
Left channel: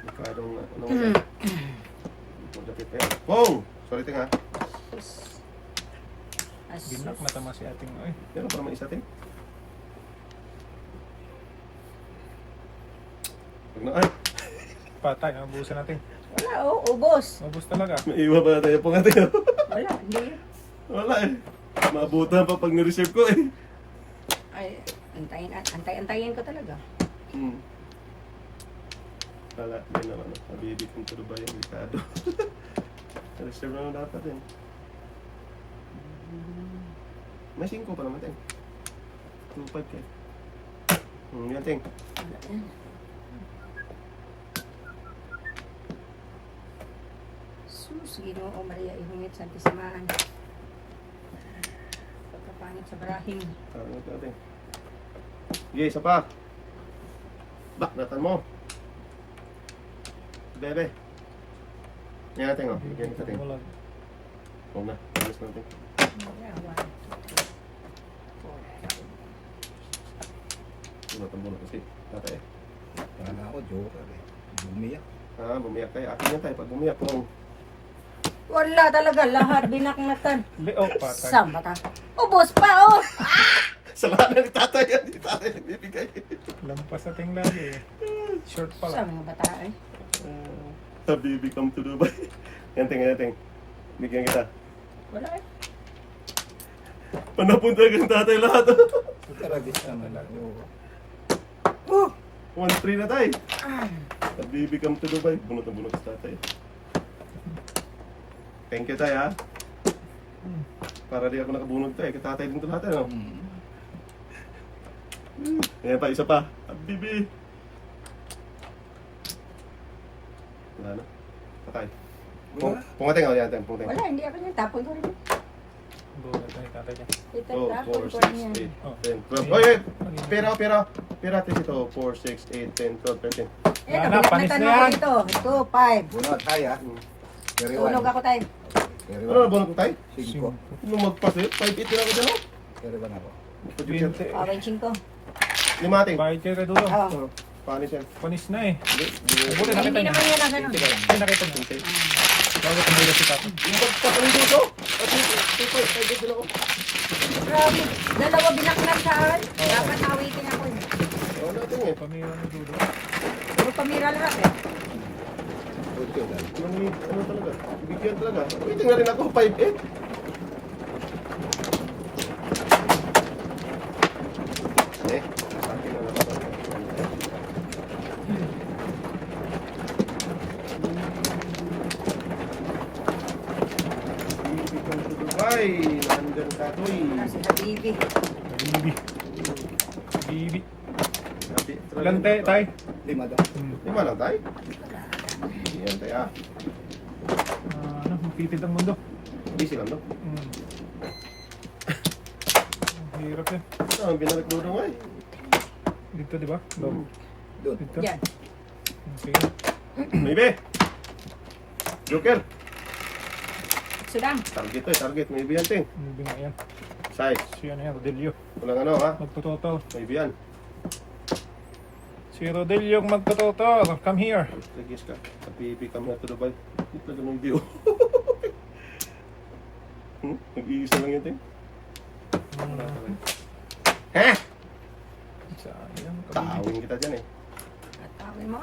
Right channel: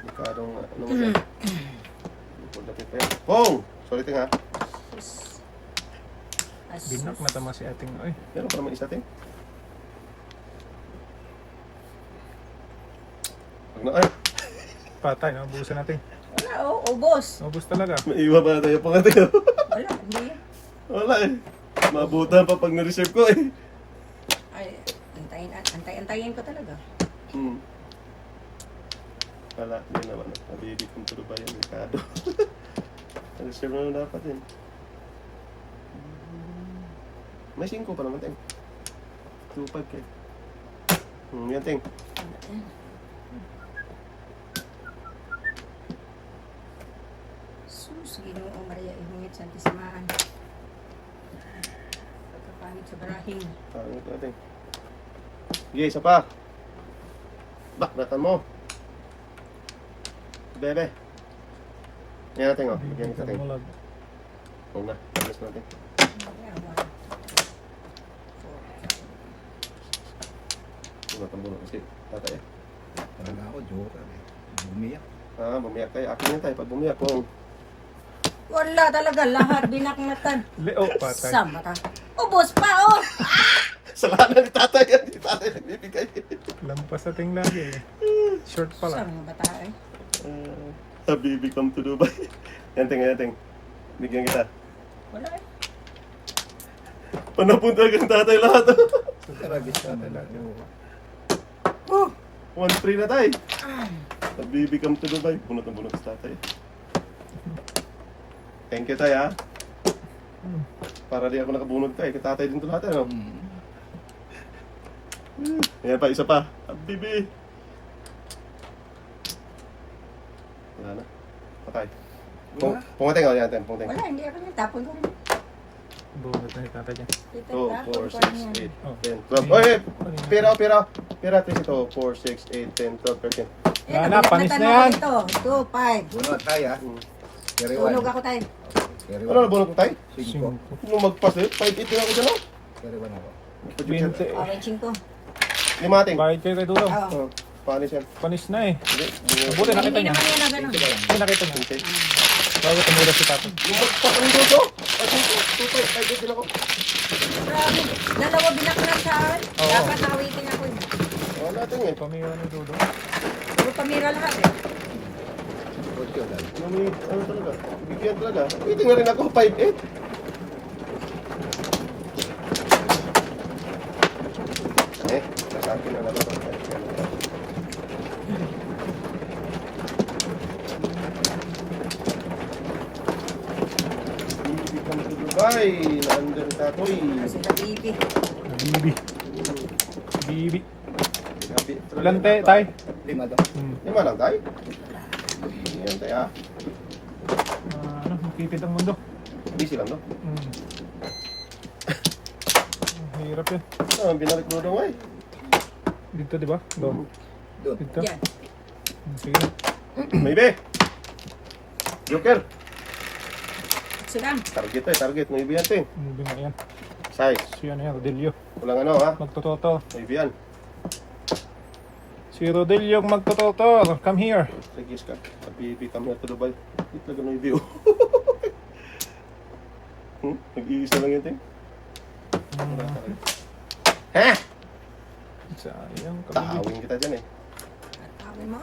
Delikadong ano mo tayo. Ipod lapit pa yan. Pong! Sorry ting ha. Binok na tama si ating ay. Meron pa naman isa ting. Pag na ay. Patay, nabusan natin. Wala oh, ubos. Ubus talaga. Maiwa pa nga tayo pa nga tayo. Wala, hindi. Wala eh. Mabutan pa pag na-reserve ko eh. Ay, antayin ko talaga. Hmm. Wala, yun naman. Nabibig kong pero ba yan, ikado. Reserve naman dapat yun. May 5 pa naman, Teng. 2-5 kayo. Yan, Teng. Wala yan. Sus, Ginoo Maria Ihungit Santisamaan. Pagkapangit sa brahing. Tawag ito, Teng. Sige, isa pa. Baklatan mo. Bebe. Yan natin, oh. Bigyan kita, Teng. Oo na. Alis natin. Yeah, 1, 2, 3, 4. Bunot kasi. Tatay. Parang ako, joker eh. Bumiyak. Ah, bumiyak tayo. Akin yan tayo. Pag bumiyak ko, Wala talaga, lahat binaknatan. Hindi, oh, patay. Saan ba tayo? Ubos pa, oh! sa kanan ni tatay yan. Ni tatay nagbibigay. Lampas natin lagi eh. Short pala. Saan mga bata eh? Habibi, come to Dubai. Yan, Teng. Yan, Teng. Bigyan kita. Wala eh. Panapunta kang tatay lahat. Karagis naman. Oh, Oo. 1-3 na tayo. Ah, Habibi, come to Dubai. Bunot na bunot sa tatay. Thank you, Tay, ha? Para di ako nakabunod tayo. Katatay din ito lahat, ano? Ayan pa, isa pa. Bibi. Wala na. Patay. Wala. Pungating, o yan, Tem. Pungating. Wala, hindi ako niya. Tapon ko rin. Bunot na ni tatay dyan. 2, Tapon 4, ko 6, rin yan. 8, 10, 12. Oy, wait! Pira, pira. Pira, please ito. 4, 6, 8, 10, 12, 13. Eh, Wala na, panis kabinatan na mo ako yan. dito. 2, 5. Bunot tayo ha. Carry one. Tulog ako tayo. Carry Ano na one. bunot mo tayo? 5. Nung magpas eh, 5-8 din ako dyan, oh. Carry one ako. 20. Okay, 5. Limating. Bakit kayo kay Dulo? Oo. Panis yan. Panis na eh. Hindi. Buti nakita Hindi niya. naman yun ang ganun. Hindi nakita niya. Bago tumula si tatay. Nung magpas ang dito. At ito, 5-8 din ako. Grabe. Dalawa binaklat saan. Dapat nawitin ako. Oo natin eh. Pamiwa ng Dulo. Puro pamira lahat eh. Puto lang. Ano talaga? Bigyan talaga. Waiting na rin ako, 5-8. Eh, nasabi na lang ako. Hindi kang to Dubai. Naandun tatoy. Kasi na bibi. Bibi. Bibi. Sabi, Ilan tay? 5 daw. Lima lang tayo. Yan tayo. Ano, magtitid ang mundo. Busy lang no? Hirap yan. Ang binalik mo daw eh. Dito, di ba? Low. Doon. Dito. Yan. Sige. Maybe. Joker. Silang. Target tayo, target. Maybe yan ting. Bibi na yan. Size. Si ano yan, Rodelio. Walang ano ha. Magtototo. Maybe yan. Si Rodelio ang magtototo. Come here. Lagis ka. Pag-PAP kami at Dubai. Ito lang ng video. Nag-iisa lang yan ting. Wala talaga. Ha? Sayang. Tahawin kita dyan eh. Tatawin mo.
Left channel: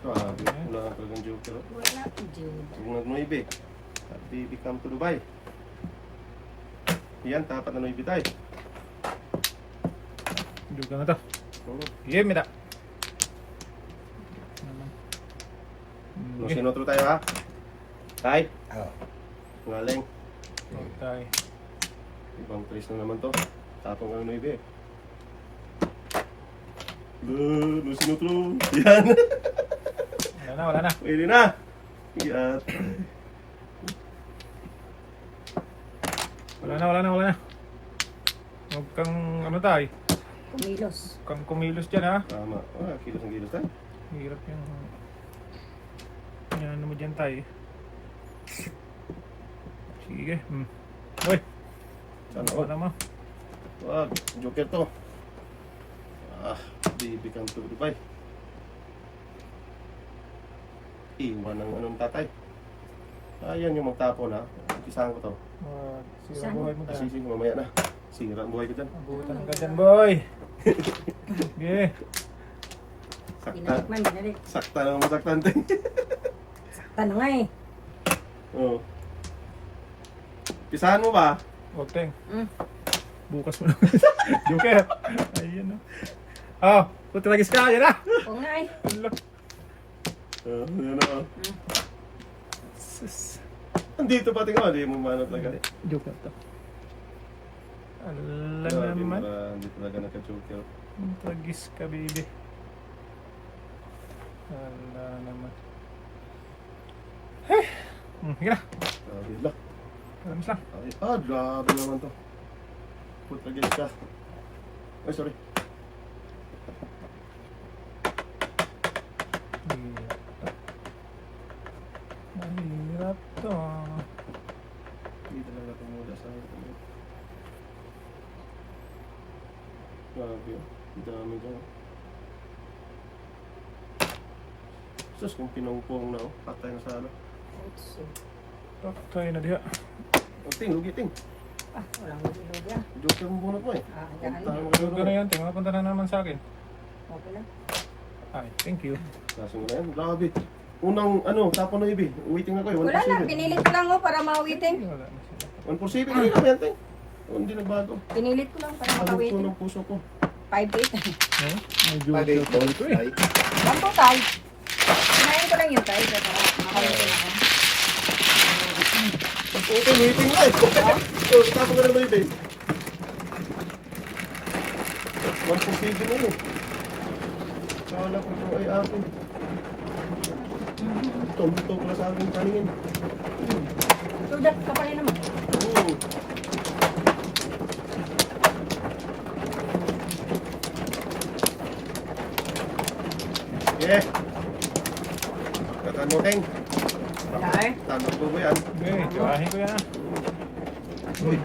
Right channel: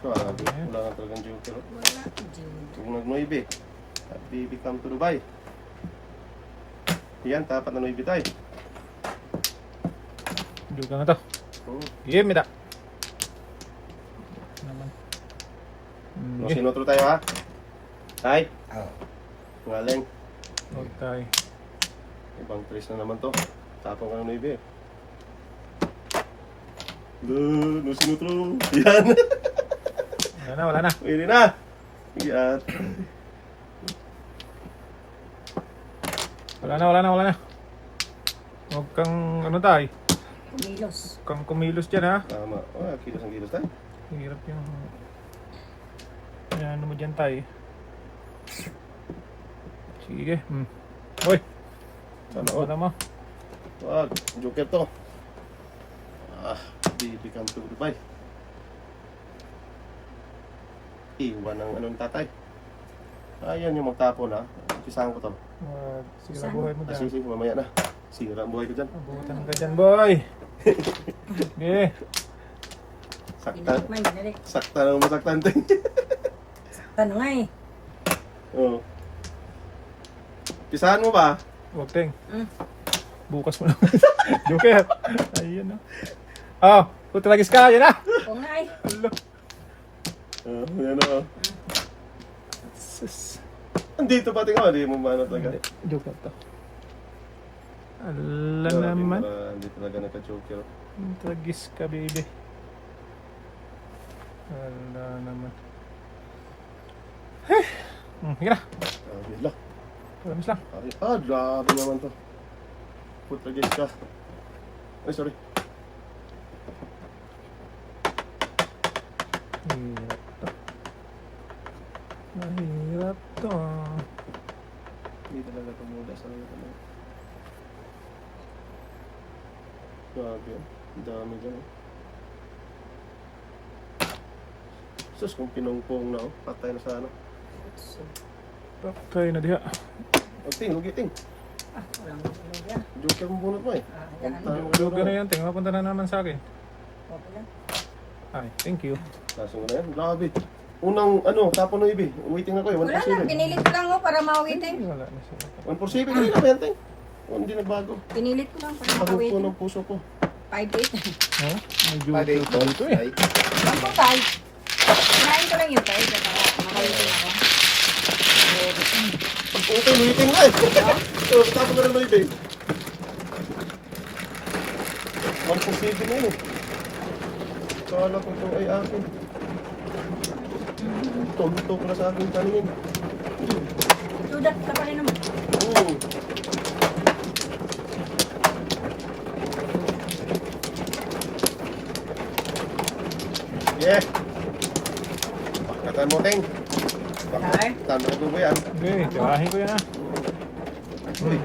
Grabe. Wala nga talagang joker. Wala. Jud. Kung nag-noibe. Happy come to Dubai. Yan, tapat na noibe tayo. Juga na to. Oh. Give me that. Naman. No, Okay. sinotro tayo ha. Tay. Ah. Ngaling. Tay. Ibang tres na naman to. Tapang ka na noibe. No, sinotro. Yan. Wala na, wala na. Pwede na. Yan. Wala na, wala na, wala na. Huwag kang, ano tayo? Kumilos. Huwag kang kumilos dyan ha. Tama. Ah, kilos ang kilos tayo. Hirap yung... Ano mo dyan tayo. Sige. Hoy! Sana Ano all. mo? Wag. Joker to. Ah, baby come to Dubai. Iwan ang anong tatay. Ayan yung magtapon ha. Umpisahan ko to. Sira ang buhay mo dyan. Sige, mamaya na. Sira ang buhay ko dyan. Butan ka dyan, boy! Sige. Saktan. Binalik man, binalik. Saktan ang masaktan din. Paano nga eh. Oo. Pisahan mo ba? Huwag ting. Mm. Bukas mo naman. Joker. Ayun na. Oh, tutalagis ka. Yan na. Oo nga eh. Hello. Yan o. Sus. Andito pa tingnan. Hindi mo maano talaga. Joker to. Ala Grabe, naman. Hindi talaga naka-joker. Tagis ka, baby. Ala naman. Sige na. Grabe lang. Tagis lang. Grabe naman to. Put against ka. Ay, sorry. Hirap to. Hindi talaga tumuda sa ano. Grabe oh. Ang dami dyan oh. Sus, kung pinungpong na oh. Patay na sa ano. Patay na diha. Ang ting, lugi ting. Ah, walang hindi yan. Joker mo bunot mo eh. Ah, Huwag yan. tayo Joker na magduro. yan. Tingnan, punta na naman sa akin. Okay lang. Ay, thank you. Kaso nga na yan. Grabe. Unang ano, tapo na ibi. Waiting ako eh. Wala na, 147. pinilit ko lang oh para mauwitin. Wala na siya. 147. Hindi na yan ting. Hindi nagbago. Pinilit ko lang para Pagod ko mauwitin. ng puso ko. 5-8. Huh? May Pwede Joker ito. dito eh. Ay. Lang po tayo. Kumain ko lang yung tayo. Kumakain ko. Pag-open, hiting na eh. Oh, tapos ko rin ba hiting? 1.7 na yun. Kala ko ito ay akin. Ito ko na sa akin paningin. Ito dat tapalin naman. Oo. Yeah. Kata mo, Teng. Ay. Tama ko ba yan? Okay, tirahin ko yan ah. Uy.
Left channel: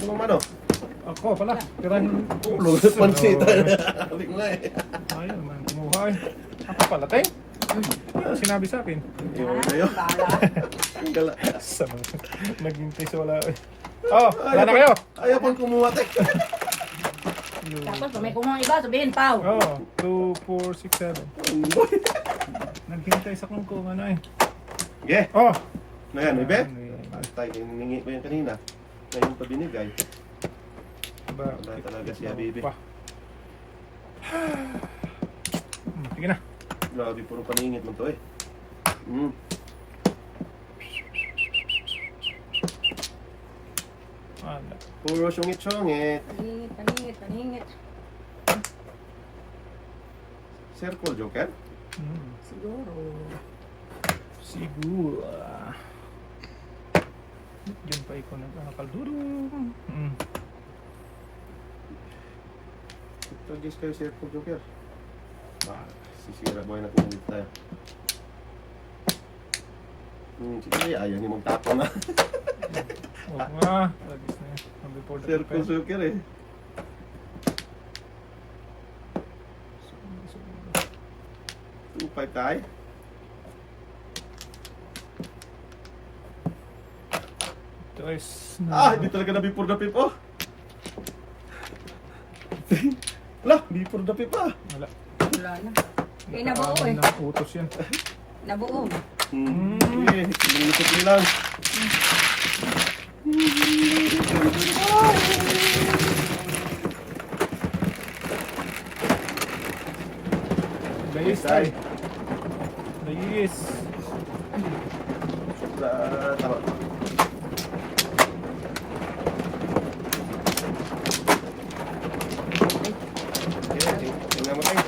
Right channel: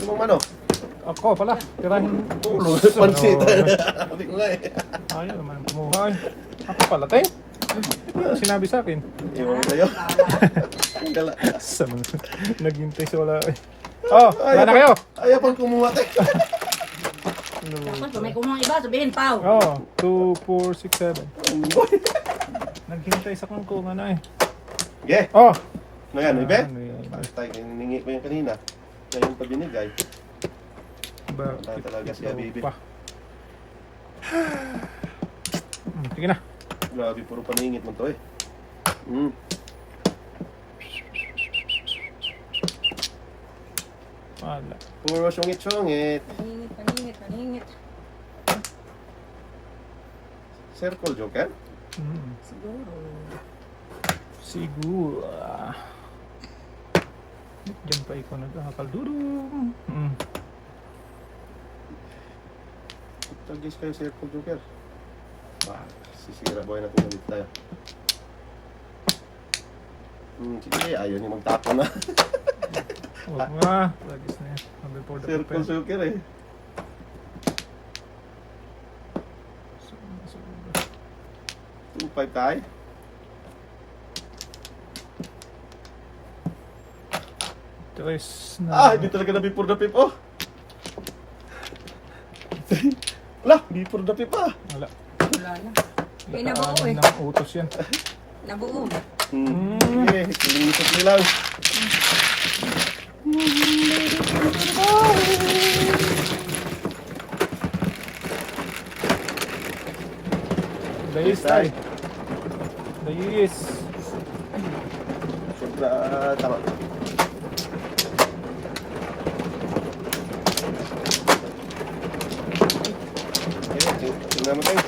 Ano mong ano? Ako pala, tirahin. Ulo, pansit. Sabi ko nga eh. Ayaw naman kumuha eh. Ako pala, Teng. Ano sinabi sa akin? Iwan kayo. Gala. Naghintay sa wala eh. Oh, wala na kayo. Ayaw pang kumuha, Teng. Tapos kung may kumuha iba, sabihin, Pao. Oh, 2, 4, 6, 7. Naghintay sa kung ano eh. Okay. Oh! Ano yan, Ibe? Ano yan? Patay, hiningi ko yung kanina. Ngayon pa binigay. Ba- Wala talaga siya, baby. Pa. Sige na. Grabe, puro paningit mo to eh. Wala. Puro sungit-sungit. Paningit. Circle joker? Siguro. Siguro. Diyan pa ikaw nagkakaldurong. Suggest kayo circle joker. Sisira boy na pinalit tayo. Sige, ayaw ni magtapon na. Huwag na. Lagis na yun. Number 4 Circle joker eh. Two, 5 kay. Tres Hindi talaga na before the pip, oh. Wala, before the pip, ah. Wala. Wala na. Hindi nabuo eh. Ng utos yan. Nabuo. Okay, linisip nyo lang. Dayis ay. Dayis. Tama. Tingnan mo tayo.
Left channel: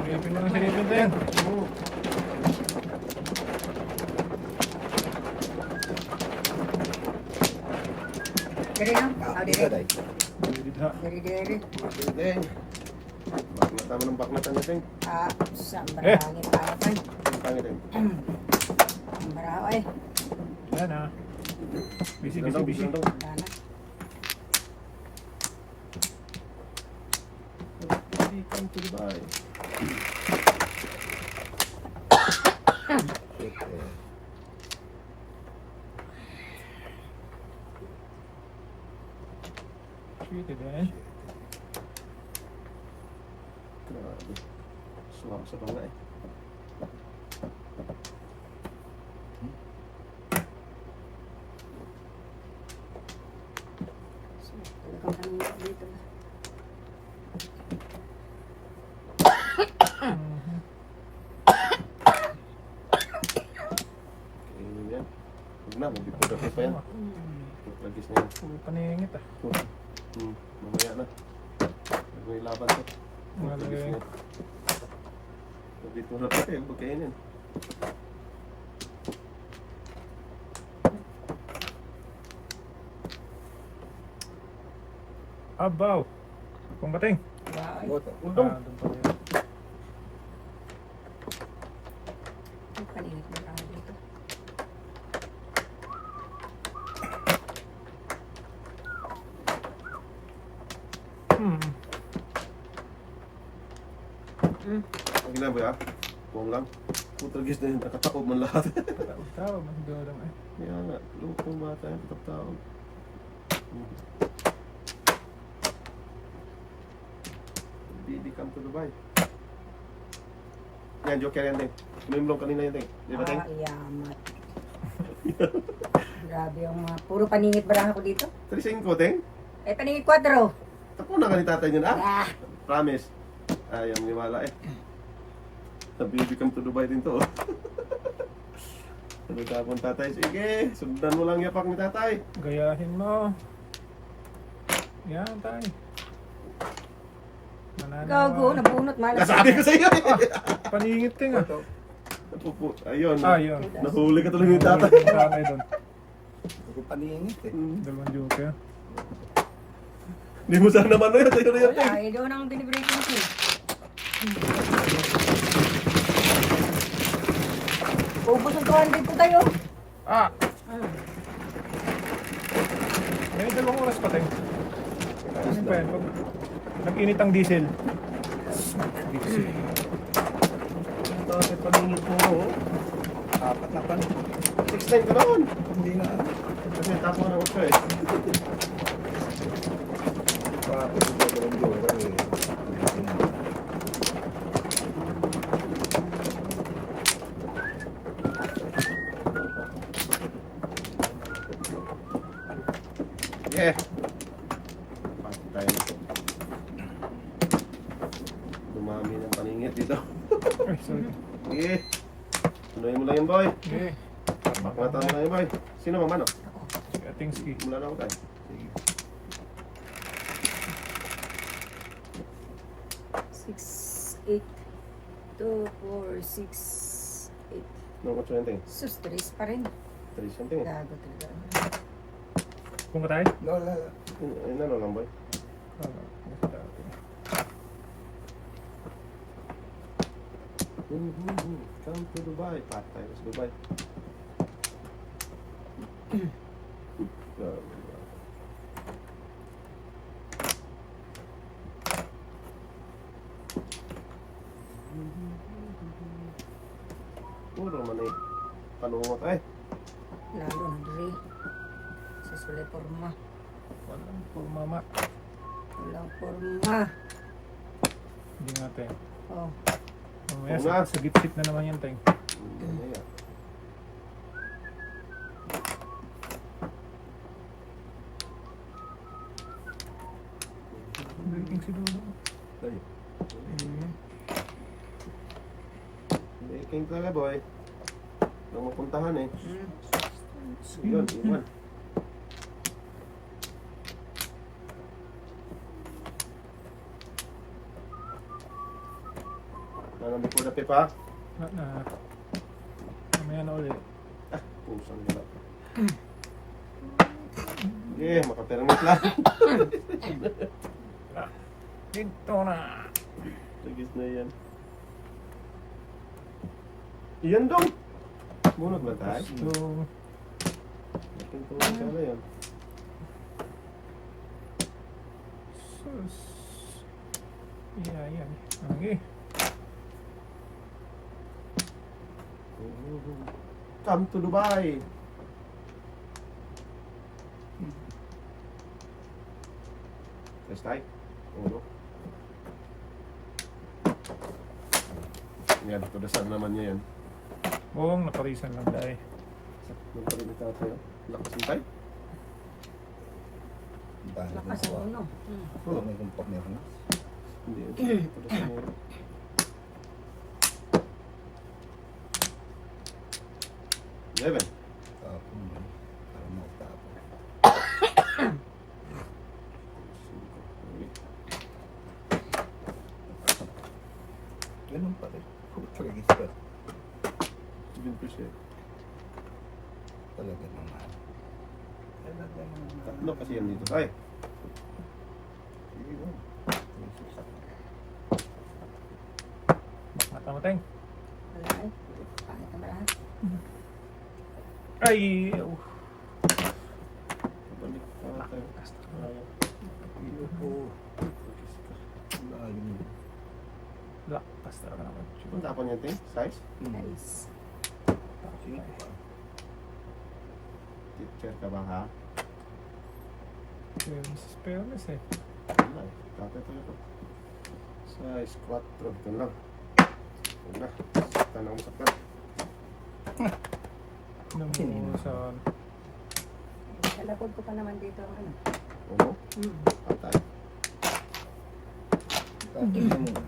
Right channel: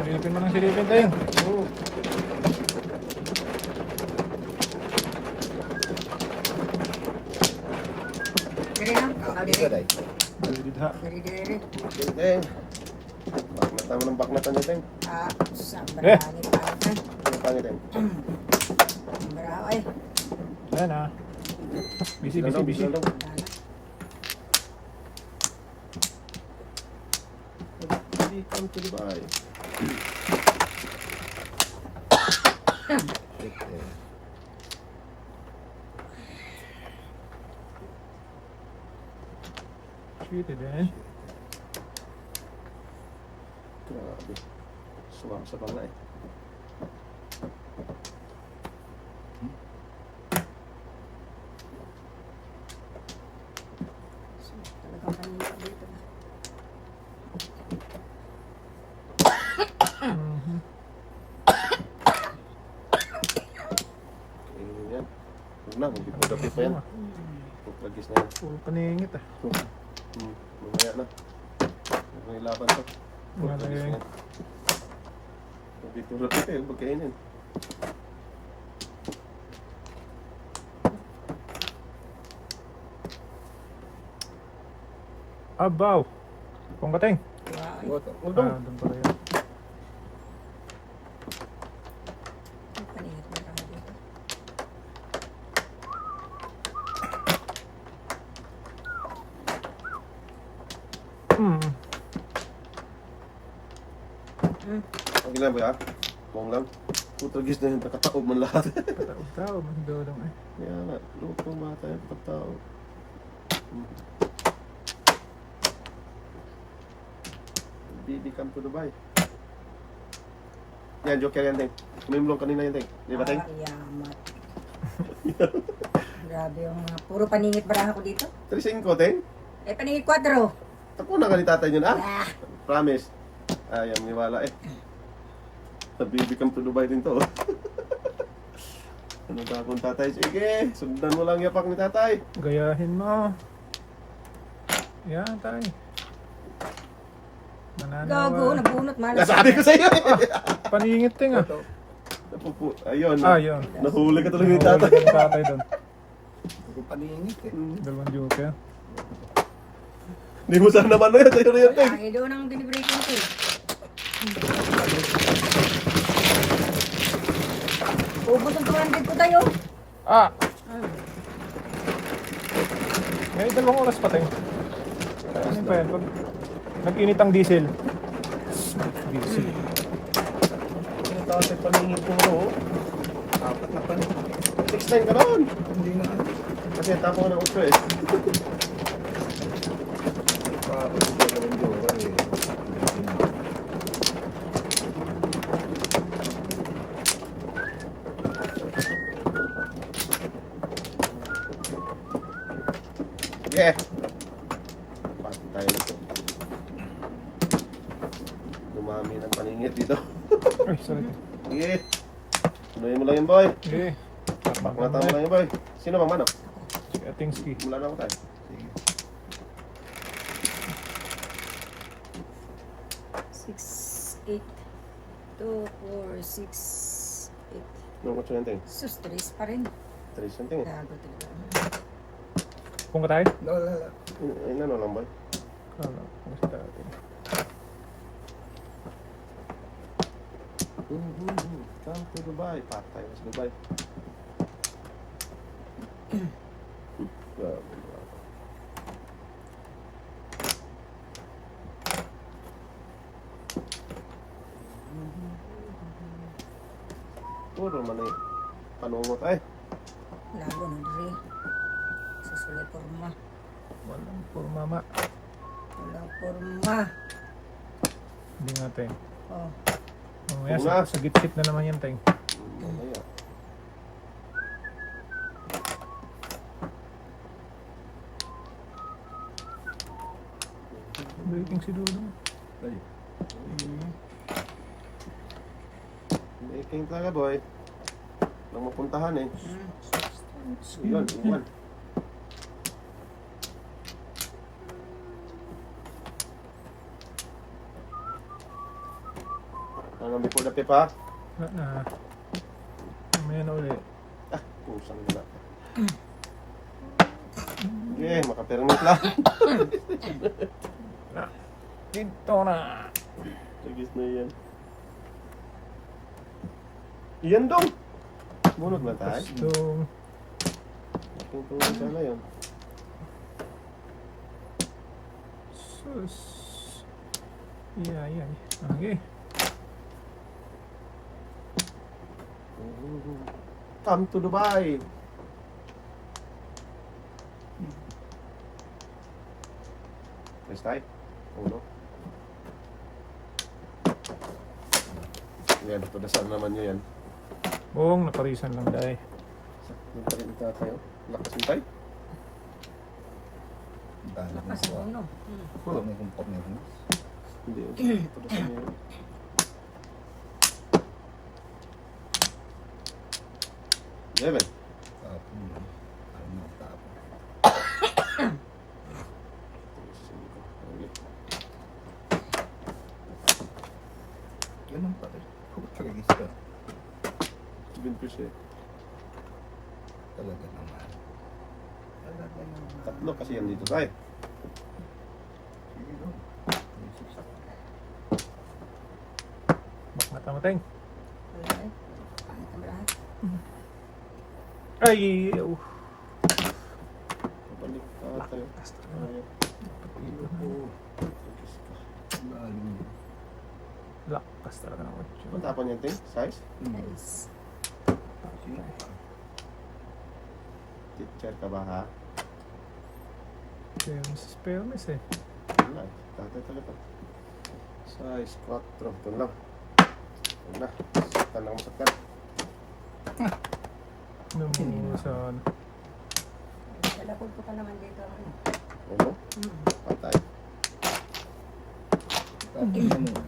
Silipin mo ng silipin tayo. Oo. Dari na. Dito, Day. Didha. Dari. Teng. Baknatan mo ng baknatan niya, Teng. Sa marami pa ako. Ang pangit, Teng. Marami. Yan ah. Busy. Lang daw. Wala. Welcome to Dubai. Sweet din. Grabe. Suwak sa pala eh. Talagang kanina dito. Kainin niya. Huwag na, magbipudapi pa yan. Lagis na yan. Paningit ah. Mamaya na. Huwag na ilaban to. Lagis na yan. Magbipudapi pa yan, magkainin. Abaw. Kung kateng. Boto. Uldong. Kanina pa ako dito. Ang gila ba yan? Buong lang. Putragis na yun, nakataob man lahat. Ikaw, magdodong eh. Kaya nga, lutong bata yung pagtaob. Baby come to Dubai. Yan, joker yan, Teng. Kumimlong kanina yan, Teng. Di ba, Teng? Yamat. Grabe yung mga puro paningit baraha ko dito. 3-5, Teng. Eh, paningit 4. Tako na ka ni tatay niyan, ah? Ah, Promise. Ayaw, niwala eh. Sa baby come to Dubai din to, oh. Ano tapon tatay? Sige, sundan mo lang yapak ni tatay. Gayahin mo. Yan, tay. Gago, nabunot malas. Nasabi ko sa iyo eh. Paningit ting ah. Ito. Ayun. Ayun. Nahuli ka talaga ni tatay. Yung tatay doon. Hindi ko paningit eh. Dalawang joker. Hindi mo sana naman na yan. Sa'yo na yan, Ting. Ay, doon ang binibreaking ko. Ubus ang 200 ko tayo. Ah! May dalawang oras pa tayo. Ano pa yan? Pag nag-init ang diesel. Diesel. Ang tatay paningin ko mo. Apat na pan. 6-9 ka noon. Hindi na ano. Kasi tapo ka ng 8 eh. Paapos ko dalawang jora eh. Hindi na. Yeah. Pati tayo na to. Dumami ng paningit dito. Ay, sorry. Sige. Tuloy mo lang yan, boy. Okay. Paknata mo lang yan, boy. Sino bang manok? Si Atingski. Mula lang tayo. Sige. 6, 8, 2, 4, 6, 8. Nung 8 yan, Ting. Sus, 3 pa rin. 3 yan, Ting. Gago talaga. Kung ka tayo? Lola. Ay, ano lang, boy. Basta tayo. Come to Dubai. Patay na sa Dubai. Grabe. Puro man ay panungot ay. Lalo na dre. Susulay porma. For mama. Walang porma. Hindi nga tayo. Oh. Mamaya Oo nga. sa gitsit na naman yan tayo. Mamaya. Breaking si Duno. Ay. Making talaga, boy. Nang mapuntahan eh. Hmm. Yun, iwan. Nangambi po na pipa. Mamaya na uli. Ah, pusang gala. Sige, makapermit lang. Dito na. Tagis na yan. Iyan dong! Bunot na tayo. So, Ating tulong sana yun. sus. Yeah, yan. Okay. Come to Dubai! First time? Uno. Yan, padasan naman niya yan. Oo, naparisan lang dahil. Sakto pa rin ito tayo. Lakas mo tayo. Dahil Lakas ko. ang uno. Wala may kumpap na yun. Hindi, padasan mo yan. Eleven. Tapon yun. Para mautapon. Ganun pa rin. Puta kagis ka. 7%. Talaga naman. Talaga naman. Tatlo kasi yan dito tayo. Sige no. May suksak. Natamateng. Wala eh. Pangit naman lahat. Ay! Balik tayo. Ayaw. Iyo po. Lalim. Laktas talaga ako. Ang tapon niya, Ting? Size? Nice. Sino pa? Teacher ka ba, ha? Fairness eh. Wala. Tatay talaga. Size 4. Ito na lang. Ito na. Saktan lang masaktan. Nung Sinino? sa... Wala po pa naman dito ang ano. Ano? Hmm. Patay. Tapon na muna.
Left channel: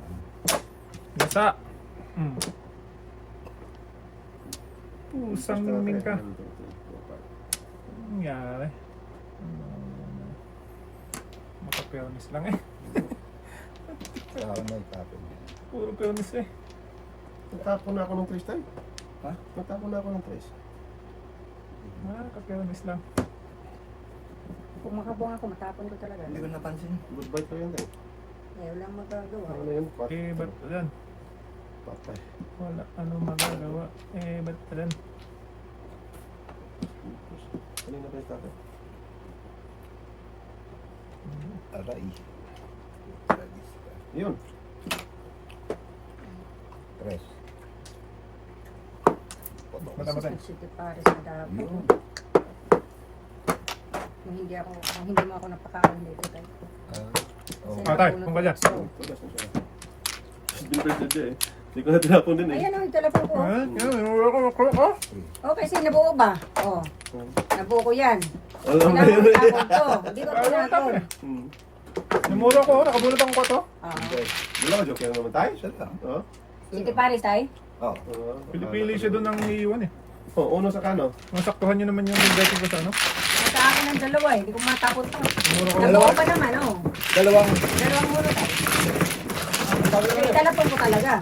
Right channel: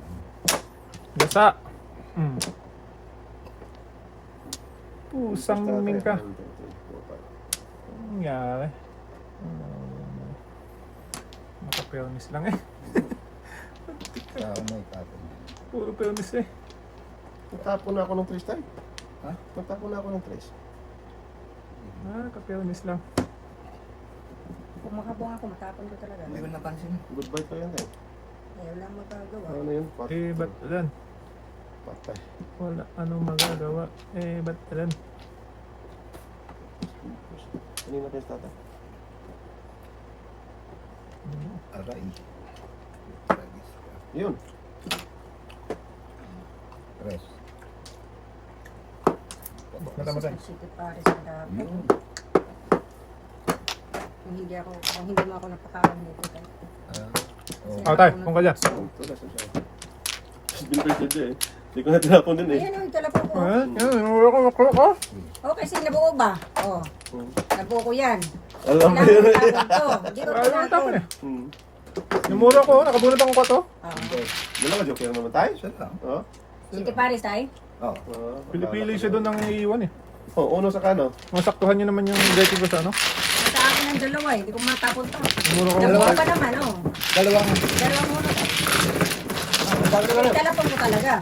Basa! Hmm. Pusang ka. Anong nangyari? Kapeonis lang eh. Saka may patin. Puro peonis eh. Natapon na ako ng trace tayo. Ha? Natapon na ako ng trace. Kapeonis lang. Kung makabong ako, matapon ko talaga. Hindi ko napansin. Goodbye pa yan eh. Eh, wala magagawa. Ano yun? Eh, ba't yan? Patay. Wala anong magagawa. Eh, ba't yan? Kanina pa yung tatay. Aray. Tragis ka. Yun. Tres. Matay. City Paris ang dapat. Yun. Kung hindi mo ako napakawan dito. Oh. Ah, tay, kung kaya. Wala sa siya. Binpert na siya eh. Hindi ko na tinapon din eh. Ayan ang telefon ko. Ko? Oh, kasi nabuo ba? Oh, nabuo ko yan. Alam mo Wala yun. mo tapon to. Hindi ko tinapon. Hmm. Namula ko, nakabunot ako ko to. Ah. Hindi. Wala ka joke lang naman tayo. Siya lang. Oo. City Paris tayo? Oh. Pili-pili siya doon ng iiwan eh. Oo, uno sa kano. Masaktuhan niyo naman yung dating ko sa ano. Sa akin ng dalawa eh. Hindi ko matapon pa. Namula ko. Nabuo pa naman, oh. Dalawang Dalawang muna ka. Talapon ko talaga.